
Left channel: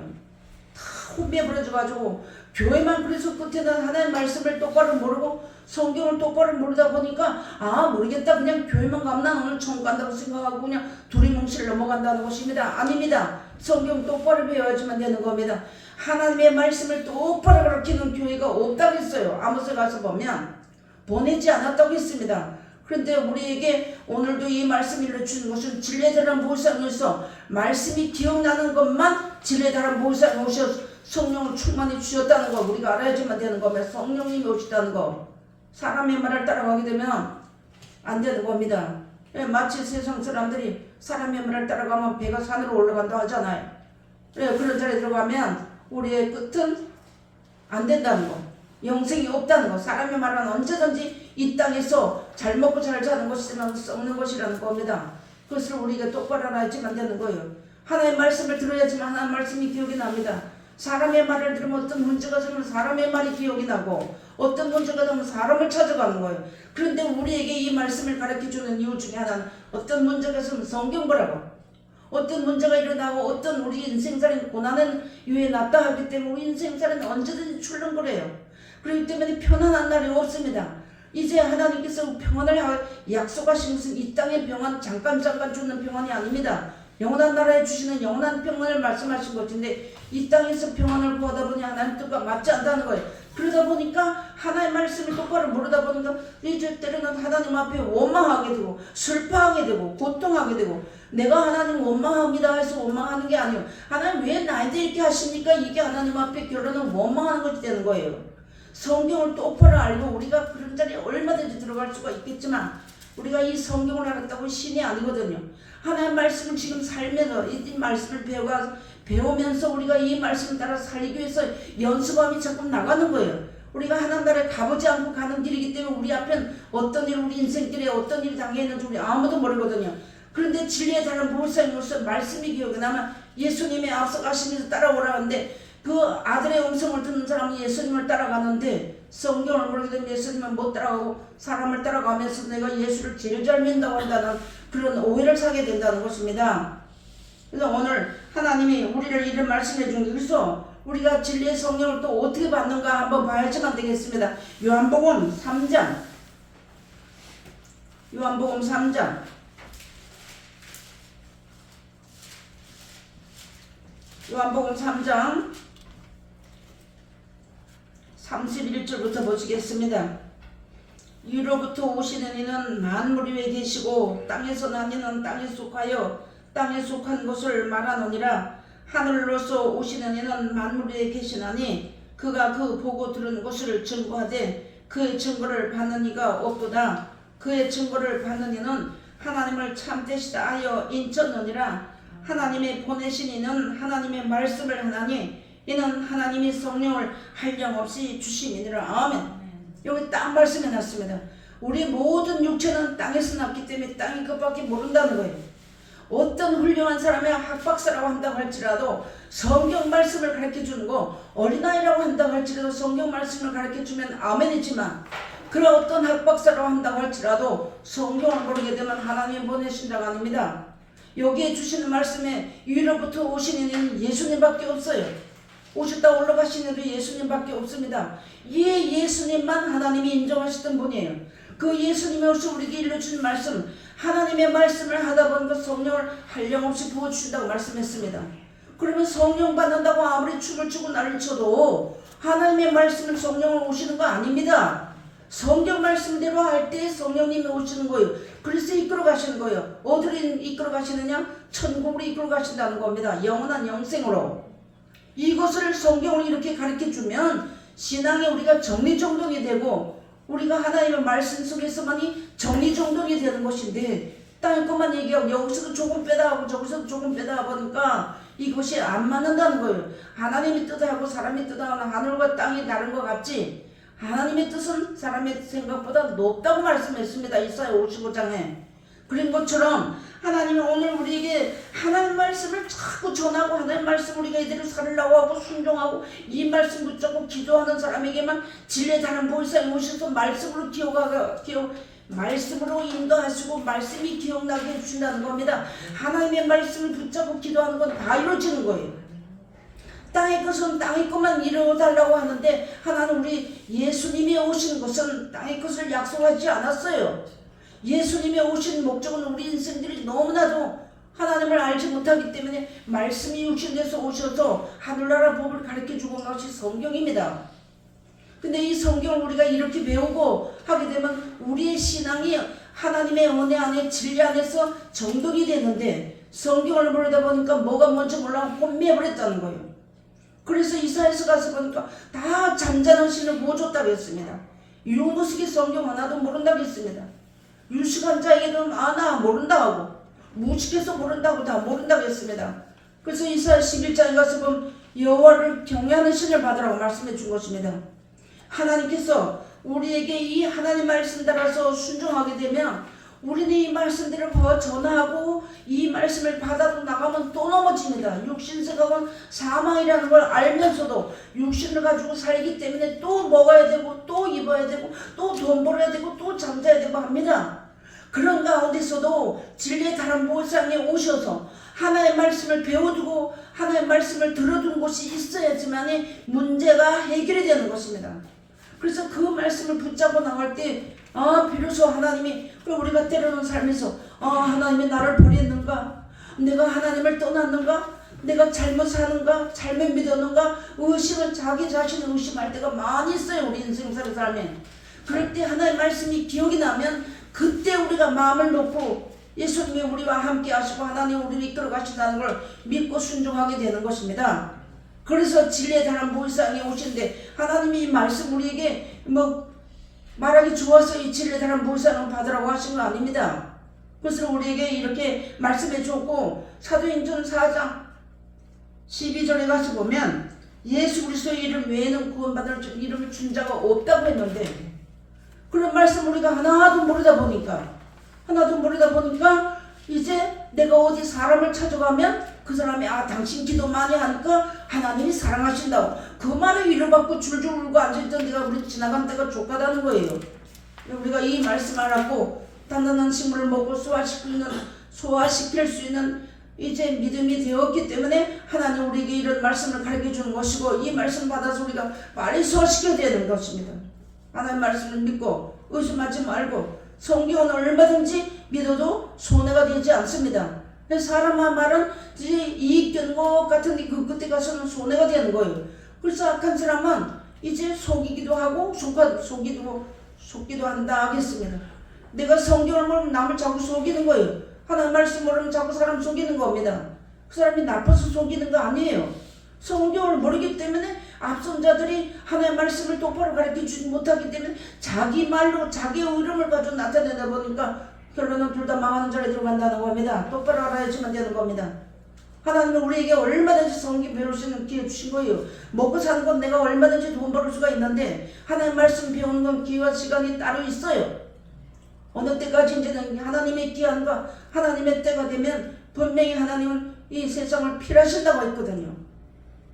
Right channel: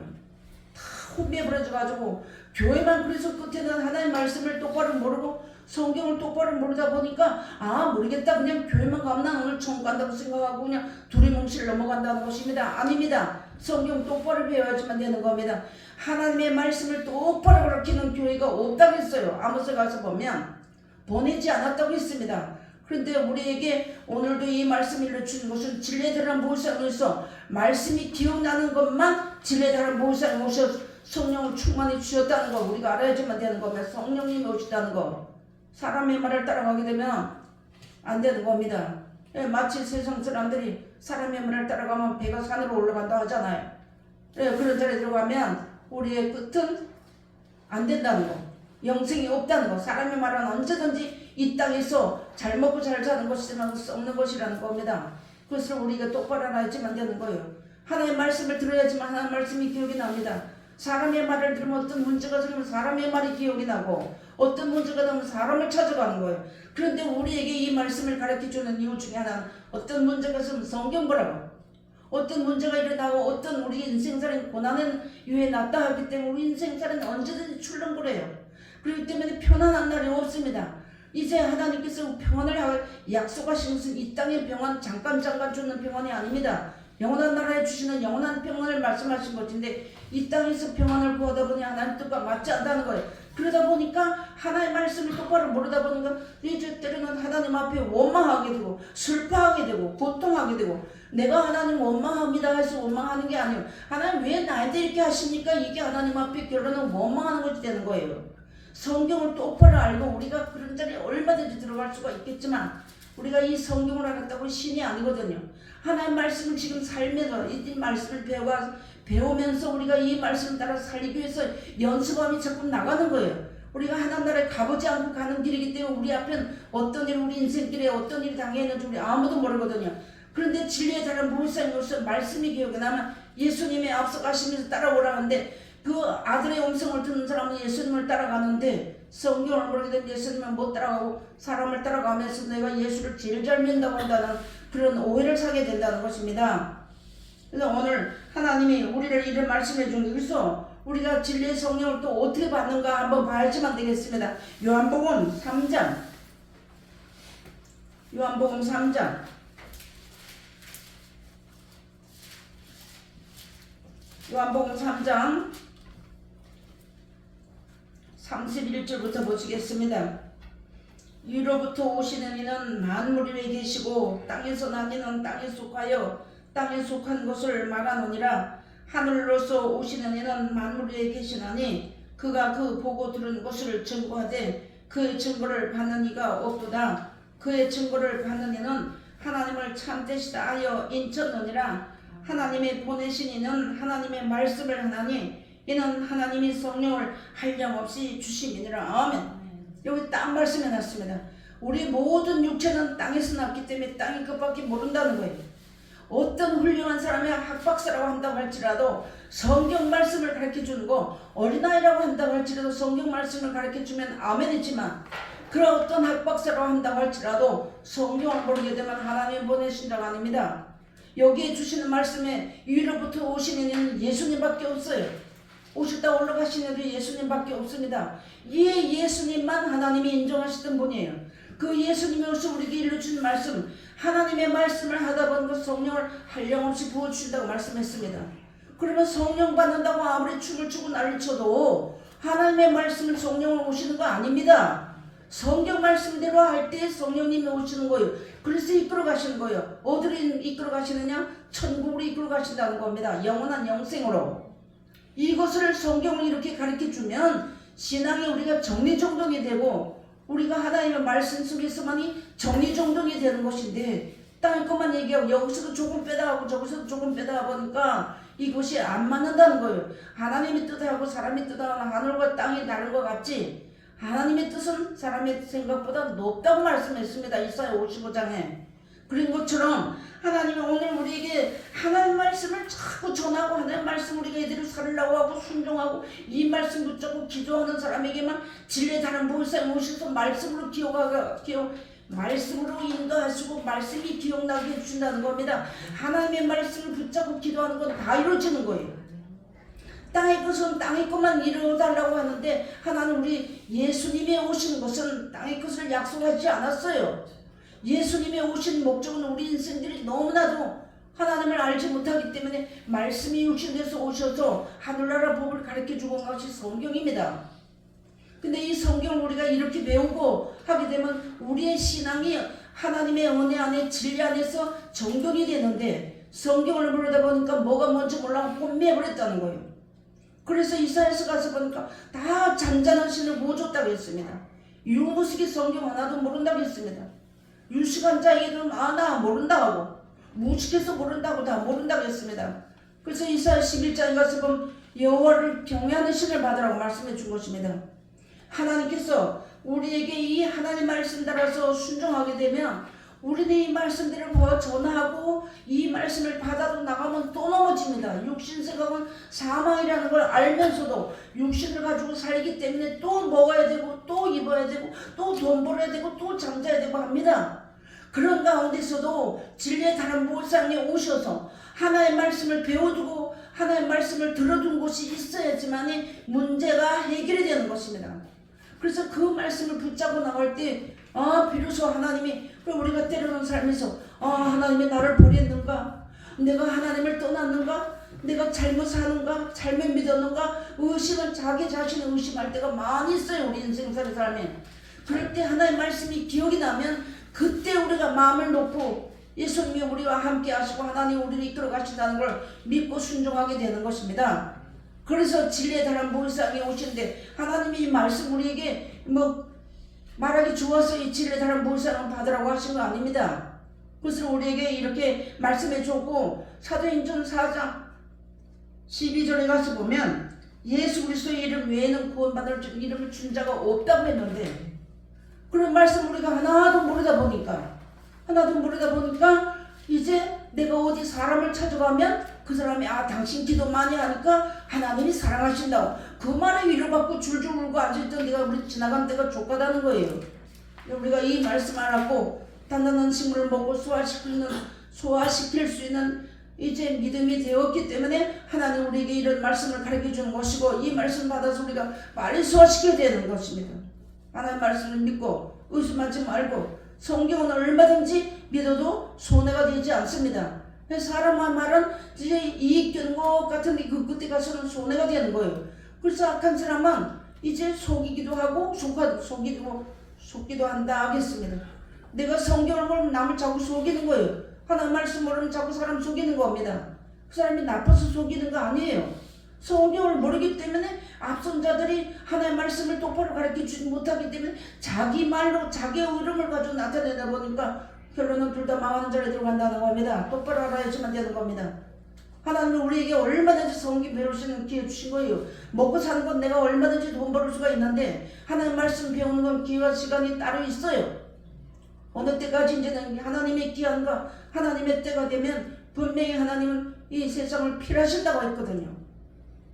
다 혼미해버려져 가지고 교회만 그래서 끝에는 하나님의 말씀을 똑바로 모르고 성경을 똑바로 모르다 보니까 모르겠다 그냥 교회만 가면 나 오늘 천국 간다고 생각하고 그냥 두리뭉실 넘어간다는 것입니다. 아닙니다. 성경 똑바로 배워야지만 되는 겁니다. 하나님의 말씀을 똑바로 가르치는 교회가 없다고 했어요. 아모스에 가서 보면 보내지 않았다고 했습니다. 그런데 우리에게 오늘도 이 말씀 일러주는 것은 진리대란 보살로서 말씀이 기억나는 것만 진리대란 보살로 오셔서 성령을 충만히 주셨다는 거 우리가 알아야지만 되는 겁니다. 성령님이 오시다는 거 사람의 말을 따라가게 되면 안 되는 겁니다. 마치 세상 사람들이 사람의 말을 따라가면 배가 산으로 올라간다 하잖아요. 그런 자리에 들어가면 우리의 끝은 안 된다는 거, 영생이 없다는 거. 사람의 말은 언제든지 이 땅에서 잘 먹고 잘 사는 것이지만 썩는 것이라는 겁니다. 그것을 우리가 똑바로 알아야지만 되는 거예요. 하나님의 말씀을 들어야지만 하나님의 말씀이 기억이 납니다. 사람의 말을 들으면 어떤 문제가 생기면 사람의 말이 기억이 나고 어떤 문제가 되면 사람을 찾아가는 거예요. 그런데 우리에게 이 말씀을 가르쳐주는 이유 중에 하나는 어떤 문제가 있으면 성경 보라고, 어떤 문제가 일어나고 어떤 우리 인생살인 고난은 유에 낫다 하기 때문에 우리 인생살은 언제든지 출렁거려요. 그렇기 때문에 편안한 날이 없습니다. 이제 하나님께서 평안을 약속하신 것은 이 땅의 평안, 잠깐 주는 평안이 아닙니다. 영원한 나라에 주시는 영원한 평안을 말씀하신 것인데 이 땅에서 평안을 구하다 보니 하나님 뜻과 맞지 않다는 거예요. 그러다 보니까 하나님의 말씀을 똑바로 모르다 보니까 이제 때로는 하나님 앞에 원망하게 되고 슬퍼하게 되고 고통하게 되고, 내가 하나님 원망합니다 해서 원망하는 게 아니에요. 하나님 왜 나한테 이렇게 하십니까? 이게 하나님 앞에 결론은 원망하는 것이 되는 거예요. 성경을 똑바로 알고 우리가 그런 자리에 얼마든지 들어갈 수가 있겠지만 우리가 이 성경을 알았다고 신이 아니거든요. 하나님의 말씀을 지금 살면서 이 말씀을 배우면서 우리가 이 말씀 따라 살기 위해서 연습함이 자꾸 나가는 거예요. 우리가 하나님 나라에 가보지 않고 가는 길이기 때문에 우리 앞엔 어떤 일, 우리 인생길에 어떤 일이 당해있는지 우리 아무도 모르거든요. 그런데 진리의 다른 목사님으로서 말씀이 기억에 남아 예수님의 앞서가시면서 따라오라 하는데 그 아들의 음성을 듣는 사람은 예수님을 따라가는데 성경을 모르게 되면 예수님은 못 따라가고 사람을 따라가면서 내가 예수를 제일 잘 믿는다고 한다는 그런 오해를 사게 된다는 것입니다. 그래서 오늘 하나님이 우리를 이런 말씀해 준 여기서 우리가 진리의 성령을 또 어떻게 받는가 한번 봐야지만 되겠습니다. 요한복음 3장 요한복음 3장 31절부터 보시겠습니다. 위로부터 오시는 이는 만물 위에 계시고 땅에서 난 이는 땅에 속하여 땅에 속한 것을 말하노니라. 하늘로서 오시는 이는 만물 위에 계시나니 그가 그 보고 들은 것을 증거하되 그의 증거를 받는 이가 없도다. 그의 증거를 받는 이는 하나님을 참되시다 하여 인쳤느니라. 하나님이 보내신 이는 하나님의 말씀을 하나니 이는 하나님이 성령을 한량없이 주심이니라. 아멘. 여기 딱 말씀해 놨습니다. 우리 모든 육체는 땅에서 났기 때문에 땅이 그밖에 모른다는 거예요. 어떤 훌륭한 사람이 학박사라고 한다고 할지라도 성경 말씀을 가르쳐주는 거, 어린아이라고 한다고 할지라도 성경 말씀을 가르쳐주면 아멘이지만 그런 어떤 학박사라고 한다고 할지라도 성경을 모르게 되면 하나님 보내신다가 아닙니다. 여기에 주시는 말씀에 위로부터 오시는 이는 예수님밖에 없어요. 오셨다 올라가시는 이도 예수님밖에 없습니다. 이 예수님만 하나님이 인정하시던 분이에요. 그 예수님이 오셔서 우리에게 일러주신 말씀, 하나님의 말씀을 하다 보니까 성령을 한량없이 부어주신다고 말씀했습니다. 그러면 성령 받는다고 아무리 춤을 추고 난리를 쳐도 하나님의 말씀은 성령을 오시는 거 아닙니다. 성경 말씀대로 할 때 성령님이 오시는 거예요. 그래서 이끌어 가시는 거예요. 어디로 이끌어 가시느냐? 천국으로 이끌어 가신다는 겁니다. 영원한 영생으로. 이것을 성경을 이렇게 가르쳐 주면 신앙이 우리가 정리정돈이 되고 우리가 하나님의 말씀 속에서만이 정리정돈이 되는 것인데 땅의 것만 얘기하고 여기서도 조금 빼다 하고 저기서도 조금 빼다 보니까 이것이 안 맞는다는 거예요. 하나님의 뜻하고 사람의 뜻하고 하늘과 땅이 다른 것 같지 하나님의 뜻은 사람의 생각보다 높다고 말씀했습니다. 이사야 55장에. 그런 것처럼 하나님이 오늘 우리에게 하나님 말씀을 자꾸 전하고 하나님 말씀 우리가 이대로 살으려고 하고 순종하고 이 말씀 붙잡고 기도하는 사람에게만 진리의 다른 보혜사에 오셔서 말씀으로 말씀으로 인도하시고 말씀이 기억나게 해주신다는 겁니다. 하나님의 말씀을 붙잡고 기도하는 건 다 이루어지는 거예요. 땅의 것은 땅의 것만 이루어달라고 하는데 하나님 우리 예수님이 오신 것은 땅의 것을 약속하지 않았어요. 예수님이 오신 목적은 우리 인생들이 너무나도 하나님을 알지 못하기 때문에 말씀이 육신돼서 오셔서 하늘나라 법을 가르쳐주고 온 것이 성경입니다. 근데 이 성경을 우리가 이렇게 배우고 하게 되면 우리의 신앙이 하나님의 은혜 안에 진리 안에서 정돈이 되는데 성경을 보려다 보니까 뭐가 뭔지 몰라 혼미해버렸다는 거예요. 그래서 이사야서 가서 보니까 다 잔잔한 신을 못 줬다고 했습니다. 유무식이 성경 하나도 모른다고 했습니다. 유식한 자에게는 나 모른다 하고 무식해서 모른다고 다 모른다고 했습니다. 그래서 이사야 11장에 가서 보면 여호와를 경외하는 신을 받으라고 말씀해 준 것입니다. 하나님께서 우리에게 이 하나님 말씀 따라서 순종하게 되면 우리는 이 말씀들을 전하고 이 말씀을 받아도 나가면 또 넘어집니다. 육신 생각은 사망이라는 걸 알면서도 육신을 가지고 살기 때문에 또 먹어야 되고 또 입어야 되고 또 돈 벌어야 되고 또 잠자야 되고 합니다. 그런 가운데서도 진리의 다른 보상에 오셔서 하나의 말씀을 배워두고 하나의 말씀을 들어둔 곳이 있어야지만 문제가 해결이 되는 것입니다. 그래서 그 말씀을 붙잡고 나갈 때 비로소 하나님이 우리가 때로는 삶에서 하나님이 나를 버렸는가? 내가 하나님을 떠났는가? 내가 잘못 사는가? 잘못 믿었는가? 의심을 자기 자신을 의심할 때가 많이 있어요. 우리 인생살이 삶에. 그럴 때 하나님의 말씀이 기억이 나면 그때 우리가 마음을 놓고 예수님이 우리와 함께 하시고 하나님 우리를 이끌어 가신다는 걸 믿고 순종하게 되는 것입니다. 그래서 진리의 다른 보이상에 오신데 하나님이 이 말씀 우리에게 말하기 좋아서 이 진리의 다른 보이상을 받으라고 하신 거 아닙니다. 그래서 우리에게 이렇게 말씀해 줬고 사도행전 4장 12절에 가서 보면 예수 그리스도의 이름 외에는 구원받을 이름을 준 자가 없다고 했는데 그런 말씀 우리가 하나도 모르다 보니까 이제 내가 어디 사람을 찾아가면 그 사람이 당신 기도 많이 하니까 하나님이 사랑하신다고 그 말에 위로받고 줄줄 울고 앉아있던 내가 우리 지나간 때가 족하다는 거예요. 우리가 이 말씀 알았고 단단한 식물을 먹고 소화시킬 수 있는 이제 믿음이 되었기 때문에 하나님 우리에게 이런 말씀을 가르쳐 주는 것이고 이 말씀 받아서 우리가 빨리 소화시켜야 되는 것입니다. 하나님 말씀을 믿고 의심하지 말고 성경은 얼마든지 믿어도 손해가 되지 않습니다. 사람의 말은 이제 이익 되는 것 같은데 그때 가서는 손해가 되는 거예요. 그래서 악한 사람은 이제 속이기도 하고 속기도 한다 하겠습니다. 내가 성경을 모르면 남을 자꾸 속이는 거예요. 하나님 말씀 모르면 자꾸 사람 속이는 겁니다. 그 사람이 나빠서 속이는 거 아니에요. 성경을 모르기 때문에 앞선 자들이 하나님의 말씀을 똑바로 가르쳐주지 못하기 때문에 자기 말로 자기의 이름을 가지고 나타내다 보니까 결론은 둘 다 망하는 자리에 들어간다는 겁니다. 똑바로 알아야지만 되는 겁니다. 하나님은 우리에게 얼마든지 성경 배울 수 있는 기회 주신 거예요. 먹고 사는 건 내가 얼마든지 돈 벌 수가 있는데 하나님 말씀 배우는 건 기회와 시간이 따로 있어요. 어느 때까지인지는 하나님의 기한과 하나님의 때가 되면 분명히 하나님은 이 세상을 필하신다고 했거든요.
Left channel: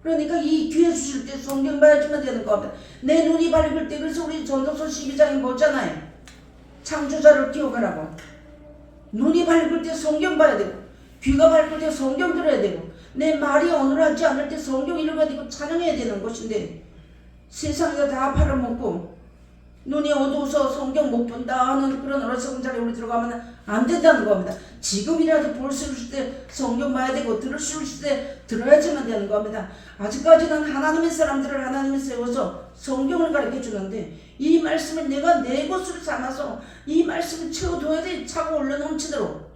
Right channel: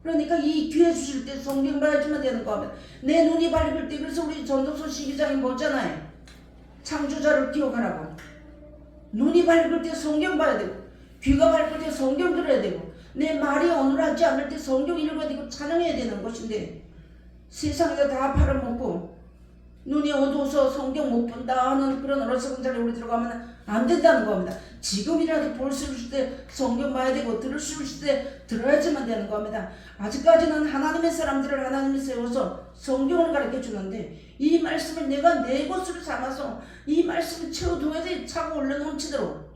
그러니까 이 기회 주실 때 성경 봐야지만 되는 겁니다. 내 눈이 밝을 때 그래서 우리 전도서 12장에 보잖아요. 창조자를 기억하라고. 눈이 밝을 때 성경 봐야 되고 귀가 밝을 때 성경 들어야 되고 내 말이 어눌하지 않을 때 성경 읽어야 되고 찬양해야 되는 것인데 세상에다 다 팔아먹고 눈이 어두워서 성경 못 본다 하는 그런 어리석은 자리에 우리 들어가면 안 된다는 겁니다. 지금이라도 볼 수 있을 때 성경 봐야 되고 들을 수 있을 때 들어야지만 되는 겁니다. 아직까지는 하나님의 사람들을 하나님이 세워서 성경을 가르쳐 주는데 이 말씀을 내가 내 것으로 삼아서 이 말씀을 채워둬야 돼. 차고 올려 넘치도록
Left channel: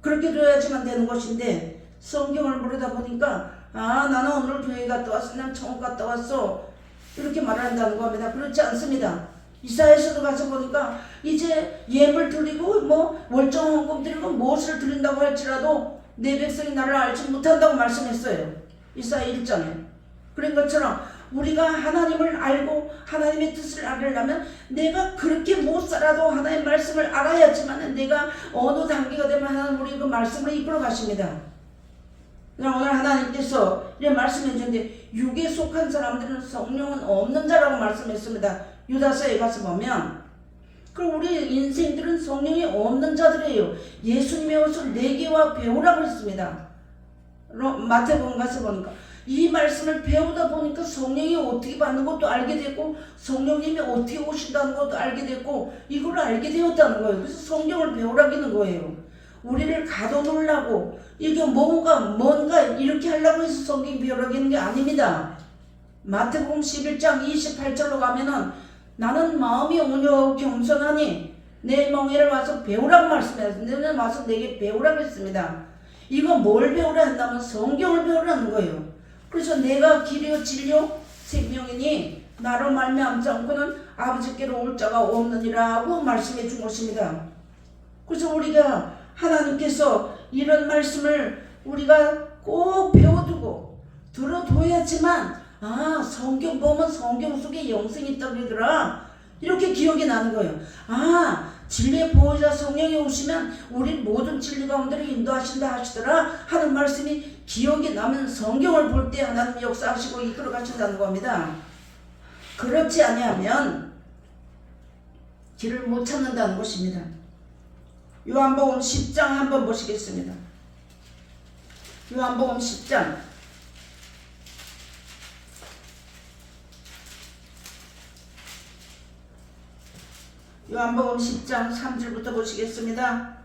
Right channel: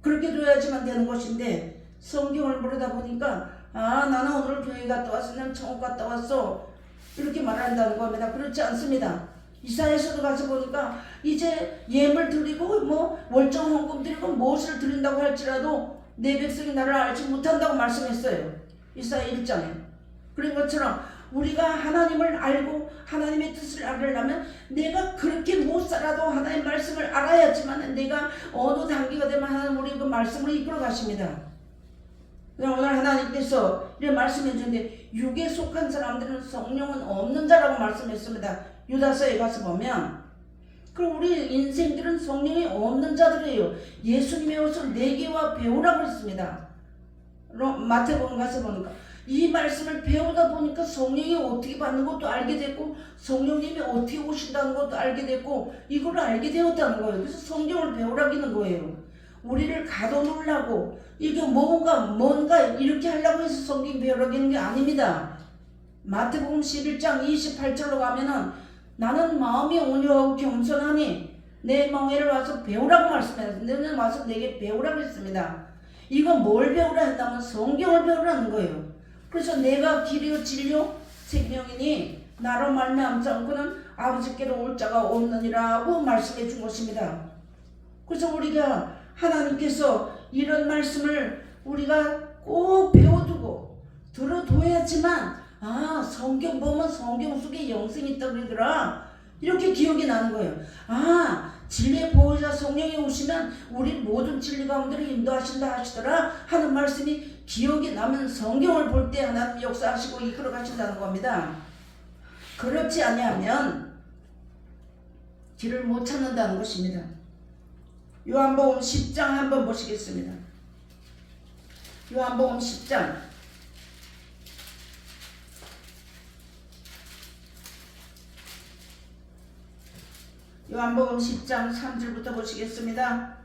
그렇게 둬야지만 되는 것인데 성경을 모르다 보니까 나는 오늘 교회 갔다 왔어. 나는 천국 갔다 왔어. 이렇게 말을 한다는 겁니다. 그렇지 않습니다. 이사야서도 가서 보니까 이제 예물 드리고 월정 헌금 드리고 무엇을 드린다고 할지라도 내 백성이 나를 알지 못한다고 말씀했어요. 이사야 1장에. 그런 것처럼 우리가 하나님을 알고 하나님의 뜻을 알으려면 내가 그렇게 못 살아도 하나님의 말씀을 알아야지만 내가 어느 단계가 되면 하나님 우리 그 말씀을 이끌어 가십니다. 오늘 하나님께서 이렇게 말씀해 주는데 육에 속한 사람들은 성령은 없는 자라고 말씀했습니다. 유다서에 가서 보면 그럼 우리 인생들은 성령이 없는 자들이에요. 예수님이 와서 내게와 배우라고 했습니다. 마태복음 가서 보니까 이 말씀을 배우다 보니까 성령이 어떻게 받는 것도 알게 됐고 성령님이 어떻게 오신다는 것도 알게 됐고 이걸 알게 되었다는 거예요. 그래서 성경을 배우라기는 거예요. 우리를 가둬놓으려고 이게 뭔가 이렇게 하려고 해서 성경 배우라기는 게 아닙니다. 마태복음 11장 28절로 가면은 나는 마음이 온유하고 겸손하니 내 멍에를 와서 배우라고 말씀했어요. 너는 와서 내게 배우라고 했습니다. 이거 뭘 배우라 한다면 성경을 배우라는 거예요. 그래서 내가 길이요 진리요 생명이니 나로 말미암지 않고는 아버지께로 올 자가 없느니라고 말씀해 준 것입니다. 그래서 우리가 하나님께서 이런 말씀을 우리가 꼭 배워두고 들어둬야지만 성경 보면 성경 속에 영생이 있다고 그러더라 이렇게 기억이 나는 거예요. 진리의 보호자 성령이 오시면 우리 모든 진리 가운데로 인도하신다 하시더라 하는 말씀이 기억이 나면 성경을 볼 때 하나님 역사하시고 이끌어 가신다는 겁니다. 그렇지 아니하면 길을 못 찾는다는 것입니다. 요한복음 10장 한번 보시겠습니다. 요한복음 10장 요한복음 10장 3절부터 보시겠습니다.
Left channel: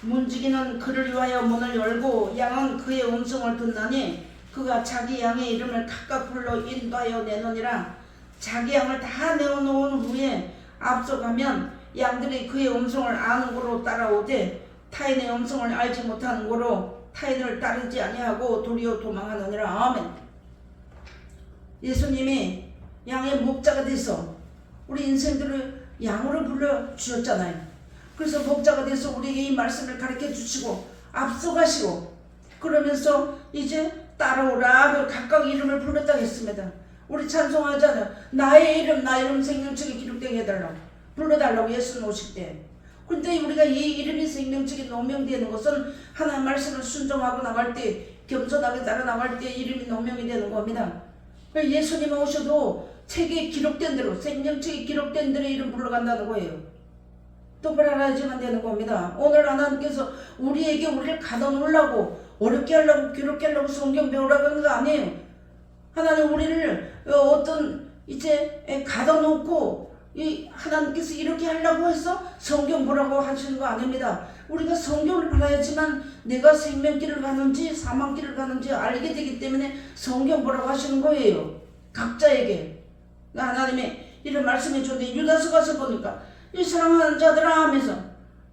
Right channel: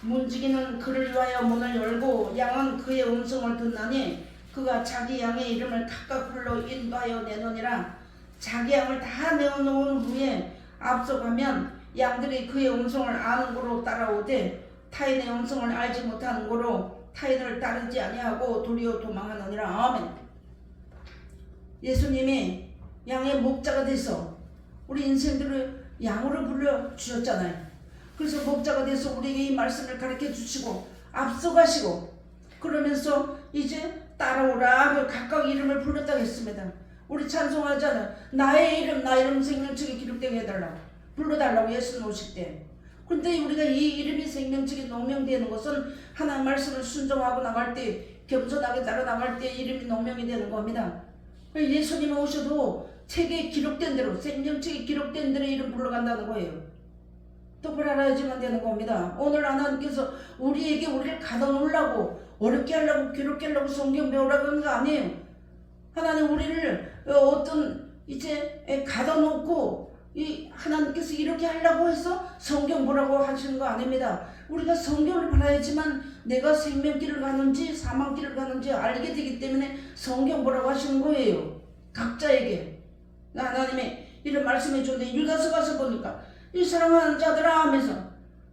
문지기는 그를 위하여 문을 열고 양은 그의 음성을 듣나니 그가 자기 양의 이름을 각각 불러 인도하여 내노니라. 자기 양을 다 내어놓은 후에 앞서가면 양들이 그의 음성을 아는 고로 따라오되 타인의 음성을 알지 못하는 고로 타인을 따르지 아니하고 도리어 도망하느니라. 아멘. 예수님이 양의 목자가 돼서 우리 인생들을 양으로 불러주셨잖아요. 그래서 목자가 돼서 우리에게 이 말씀을 가르쳐 주시고 앞서가시고 그러면서 이제 따라오라 각각 이름을 불렀다고 했습니다. 우리 찬송하잖아요. 나의 이름 생명책에 기록되게 해달라고 불러달라고 예수님 오실 때. 그런데 우리가 이 이름이 생명책에 노명되는 것은 하나님의 말씀을 순종하고 나갈 때 겸손하게 따라 나갈 때 이름이 노명이 되는 겁니다. 예수님 오셔도 책에 기록된 대로 생명책에 기록된 대로 이름 불러간다는 거예요. 똑바로 알아야지만 되는 겁니다. 오늘 하나님께서 우리를 가둬놓으려고 어렵게 하려고 괴롭게 하려고 성경 배우라고 하는 거 아니에요. 하나님 우리를 어떤 이제 가둬놓고 하나님께서 이렇게 하려고 해서 성경 보라고 하시는 거 아닙니다. 우리가 성경을 봐야지만 내가 생명길을 가는지 사망길을 가는지 알게 되기 때문에 성경 보라고 하시는 거예요. 각자에게. 하나님의 이런 말씀해 주는데 유다서 가서 보니까 이 사랑하는 자들아 하면서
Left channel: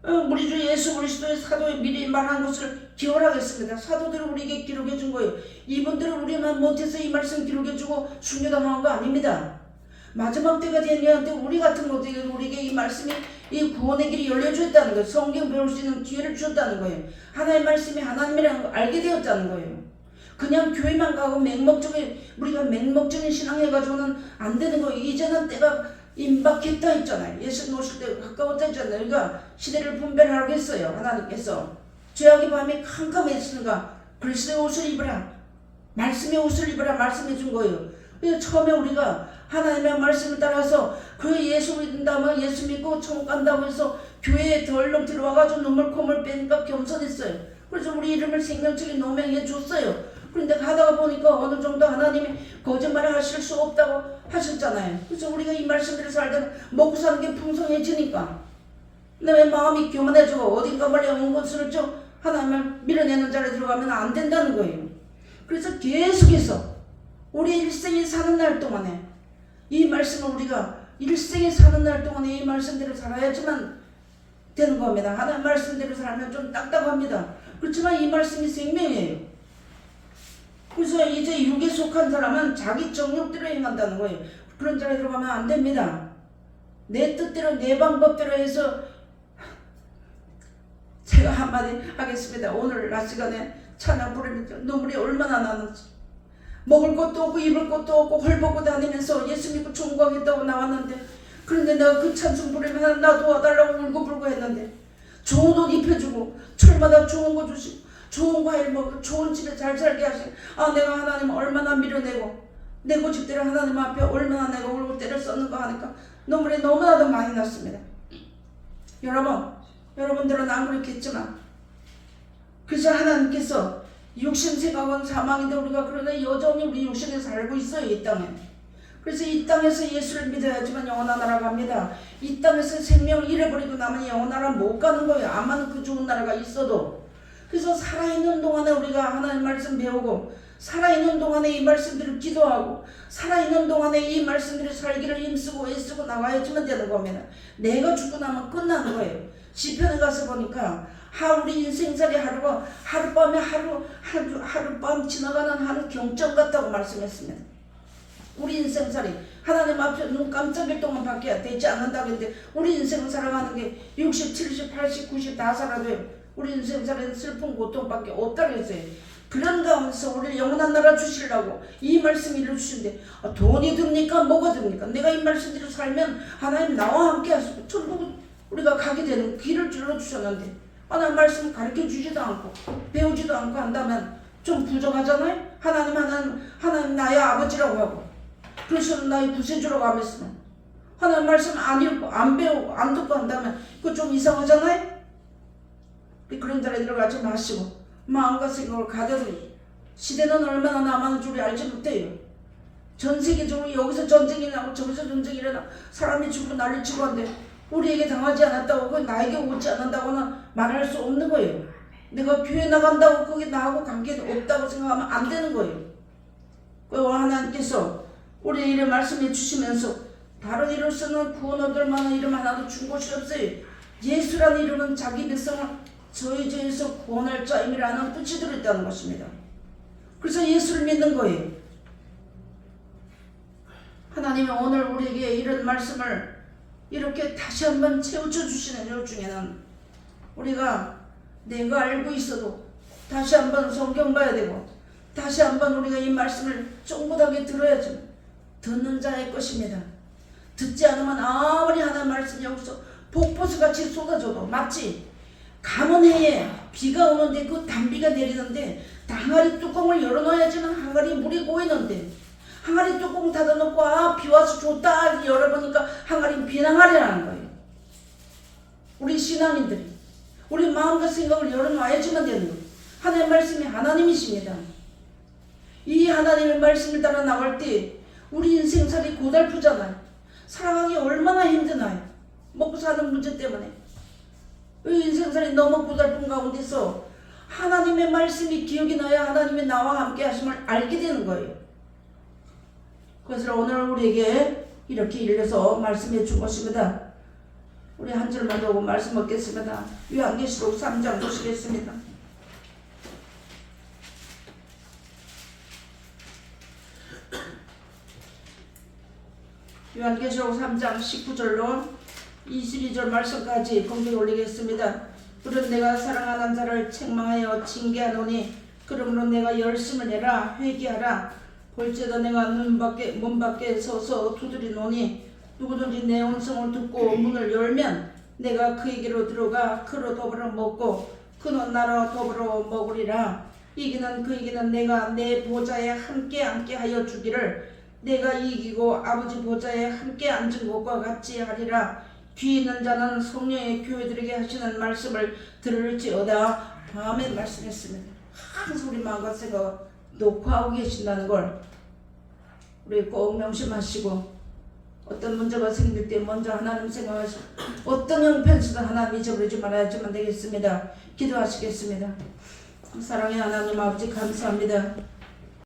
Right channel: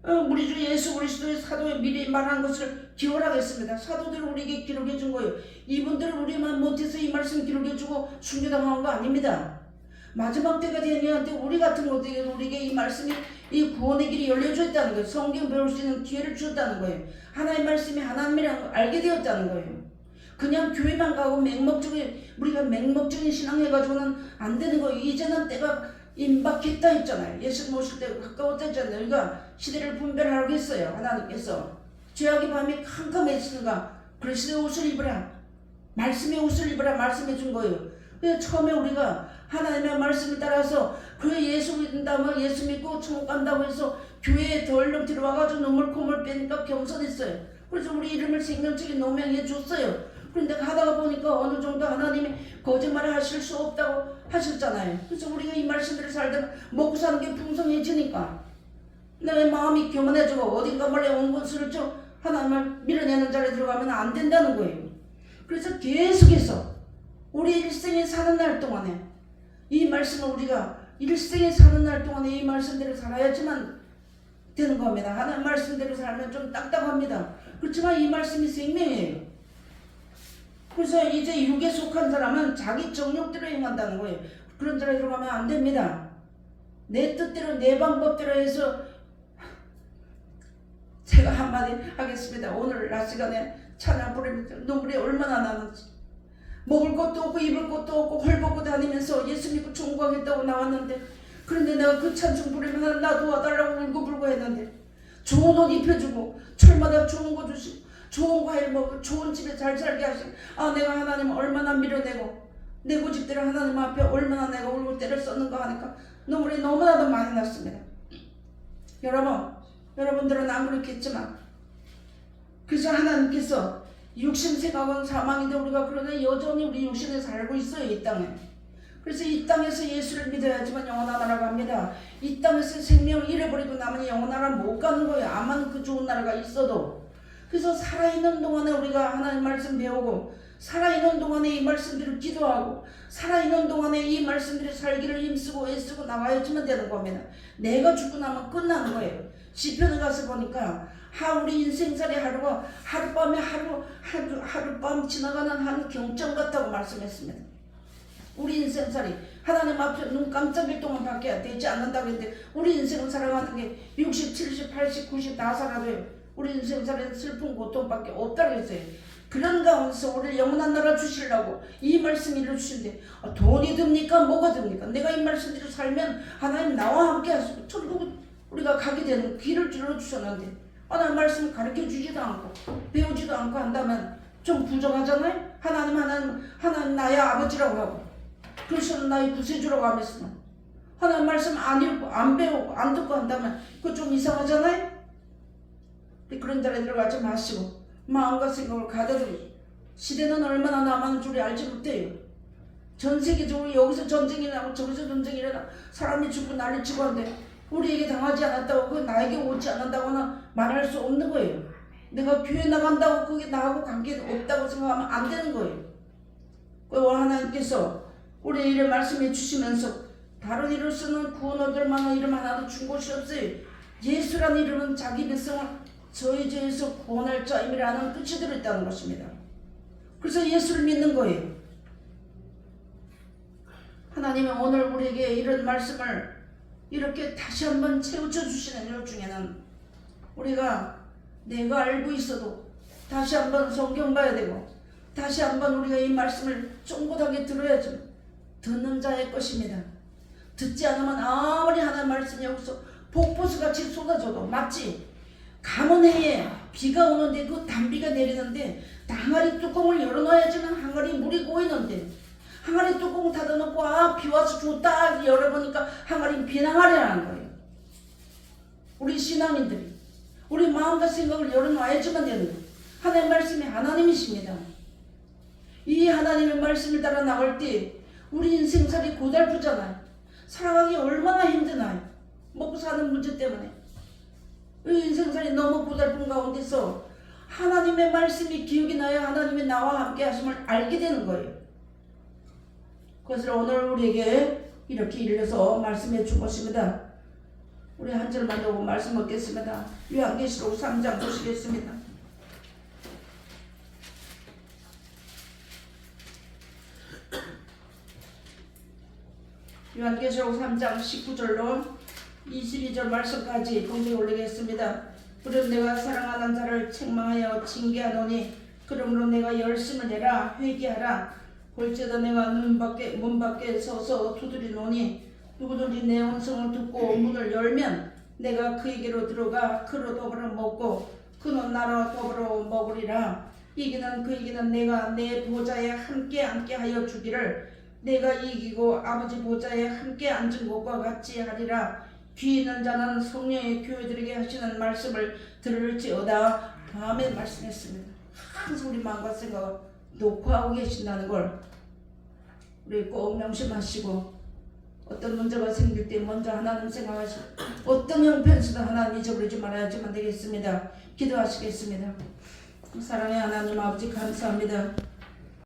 우리 주 예수 그리스도의 사도의 미리 말한 것을 기억하겠습니다. 사도들을 우리에게 기록해 준 거예요. 이분들은 우리만 못해서 이 말씀 기록해 주고 순교당한 거 아닙니다. 마지막 때가 되는데 우리 같은 것들이 우리에게 이 말씀이 이 구원의 길이 열려줬다는 거예요. 성경 배울 수 있는 기회를 주었다는 거예요. 하나님의 말씀이 하나님이라는 걸 알게 되었다는 거예요. 그냥 교회만 가고 우리가 맹목적인 신앙 해가지고는 안 되는 거예요. 이제는 때가 임박했다 했잖아요. 예수 모실 때 가까웠다 했잖아요. 그러니까 시대를 분별하라고 했어요. 하나님께서 죄악의 밤이 캄캄해지는가 그리스도의 옷을 입으라 말씀의 옷을 입으라 말씀해 준 거예요. 그래서 처음에 우리가 하나님의 말씀을 따라서 그 예수 믿는다면 예수 믿고 천국 간다고 해서 교회에 덜렁 들어와가지고 눈물 콧물 빼니까 겸손했어요. 그래서 우리 이름을 생명책에 노명해 줬어요. 그런데 가다가 보니까 어느 정도 하나님이 거짓말을 하실 수 없다고 하셨잖아요. 그래서 우리가 이 말씀대로 살다가 먹고 사는 게 풍성해지니까 내 마음이 교만해지고 어딘가 멀리 온 것을 좀 하나님을 밀어내는 자리에 들어가면 안 된다는 거예요. 그래서 계속해서 우리 일생에 사는 날 동안에 이 말씀을 우리가 일생에 사는 날 동안에 이 말씀대로 살아야지만 되는 겁니다. 하나님 말씀대로 살면 좀 딱딱합니다. 그렇지만 이 말씀이 생명이에요. 그래서 이제 육에 속한 사람은 자기 정욕대로 행한다는 거예요. 그런 자리에 들어가면 안 됩니다. 내 뜻대로 내 방법대로 해서 제가 한마디 하겠습니다. 오늘 낮 시간에 찬양 부르면서 눈물이 얼마나 나는지 먹을 것도 없고 입을 것도 없고 헐벗고 다니면서 예수 믿고 종광했다고 나왔는데 그런데 내가 그 찬송 부르면 나 도와달라고 울고불고 했는데 좋은 옷 입혀주고 철마다 좋은 거 주시고 좋은 과일 먹고 좋은 집에 잘 살게 하시고 내가 하나님 얼마나 밀어내고 내 고집대로 하나님 앞에 얼마나 내가 울고 때를 썼는가 하니까 눈물이 너무나도 많이 났습니다. 여러분들은 안 그렇겠지만 그래서 하나님께서 육신 생각은 사망인데 우리가 그러나 여전히 우리 육신에 살고 있어요. 이 땅에. 그래서 이 땅에서 예수를 믿어야지만 영원한 나라 갑니다. 이 땅에서 생명을 잃어버리고 나면 영원한 나라 못 가는 거예요. 아무리 그 좋은 나라가 있어도. 그래서 살아있는 동안에 우리가 하나님 말씀 배우고 살아있는 동안에 이 말씀들을 기도하고 살아있는 동안에 이 말씀들을 살기를 힘쓰고 애쓰고 나가야지만 되는 겁니다. 내가 죽고 나면 끝나는 거예요. 시편에 가서 보니까 우리 인생살이 하루가 하룻밤에 하룻밤 지나가는 한 경점 같다고 말씀했습니다. 우리 인생살이 하나님 앞에 눈 깜짝일 동안 밖에 되지 않는다고 했는데 우리 인생을 살아가는 게 60, 70, 80, 90 다 살아도요. 우리 인생살에는 슬픈 고통밖에 없다고 했어요. 그런 가운데서 우리 영원한 나라 주시려고 이 말씀 이루시는데 돈이 듭니까? 뭐가 듭니까? 내가 이 말씀대로 살면 하나님 나와 함께 하시고 천국 우리가 가게 되는 길을 열어주셨는데 하나님 말씀 가르쳐 주지도 않고 배우지도 않고 한다면 좀 부정하잖아요. 하나님 나의 아버지라고 하고 그래서 나의 구세주라고 하면서 하나님 말씀 안 읽고 안 배우고 안 듣고 한다면 그거 좀 이상하잖아요. 그런 자리에 들어가지 마시고 마음과 생각을 가득 시대는 얼마나 남았는 줄 알지 못해요. 전 세계적으로 여기서 전쟁이 나고 저기서 전쟁이 일어나 사람이 죽고 난리치고 한데 우리에게 당하지 않았다고 그 나에게 오지 않는다고는 말할 수 없는 거예요. 내가 교회 나간다고 그게 나하고 관계가 없다고 생각하면 안 되는 거예요. 그리고 하나님께서 우리 이름 말씀해 주시면서 다른 이름 쓰는 구원 얻을 만한 이름 하나도 준 곳이 없어요. 예수라는 이름은 자기 백성을 저희 죄에서 구원할 자임이라는 뜻이 들어있다는 것입니다. 그래서 예수를 믿는 거예요. 하나님이 오늘 우리에게 이런 말씀을 이렇게 다시 한번 채워져 주시는 일 중에는 우리가 내가 알고 있어도 다시 한번 성경 봐야 되고 다시 한번 우리가 이 말씀을 쫑긋하게 들어야지 듣는 자의 것입니다. 듣지 않으면 아무리 하나님 말씀이 여기서 폭포수같이 쏟아져도 맞지? 가뭄해에 비가 오는데 그 단비가 내리는데 항아리 뚜껑을 열어놔야지만 항아리 물이 고이는데 항아리 뚜껑 닫아놓고 비 와서 좋다 열어보니까 항아리 비낭하리라는 거예요. 우리 신앙인들이 우리 마음과 생각을 열어놔야지만 되는 거예요. 하나님의 말씀이 하나님이십니다. 이 하나님의 말씀을 따라 나갈 때 우리 인생살이 고달프잖아요. 살아가기 얼마나 힘드나요? 먹고 사는 문제 때문에 이 인생살이 너무 고달픈 가운데서 하나님의 말씀이 기억이 나야 하나님이 나와 함께 하심을 알게 되는 거예요. 그래서 오늘 우리에게 이렇게 일러서 말씀해 준 것입니다. 우리 한 절만 보고 말씀 먹겠습니다. 요한계시록 3장 보시겠습니다. 요한계시록 3장 19절로 22절 말씀까지 공개 올리겠습니다. 그럼 내가 사랑하는 자를 책망하여 징계하노니 그러므로 내가 열심을 내라 회개하라. 볼지어다 내가 문 밖에 서서 두드리노니 누구든지 내 음성을 듣고 문을 열면 내가 그에게로 들어가 그로 더불어 먹고 그는 나로 더불어 먹으리라. 이기는 그에게는 내가 내 보좌에 함께 하여 주기를 내가 이기고 아버지 보좌에 함께 앉은 것과 같이 하리라. 귀 있는 자는 성령의 교회들에게 하시는 말씀을 들을지어다. 아멘 말씀했습니다. 항상 우리 마음과 생각을 녹화하고 계신다는 걸 우리 꼭 명심하시고 어떤 문제가 생길 때 먼저 하나님 생각하시고 어떤 형편에서도 하나님 잊어버리지 말아야지만 되겠습니다. 기도하시겠습니다. 사랑의 하나님 아버지 감사합니다.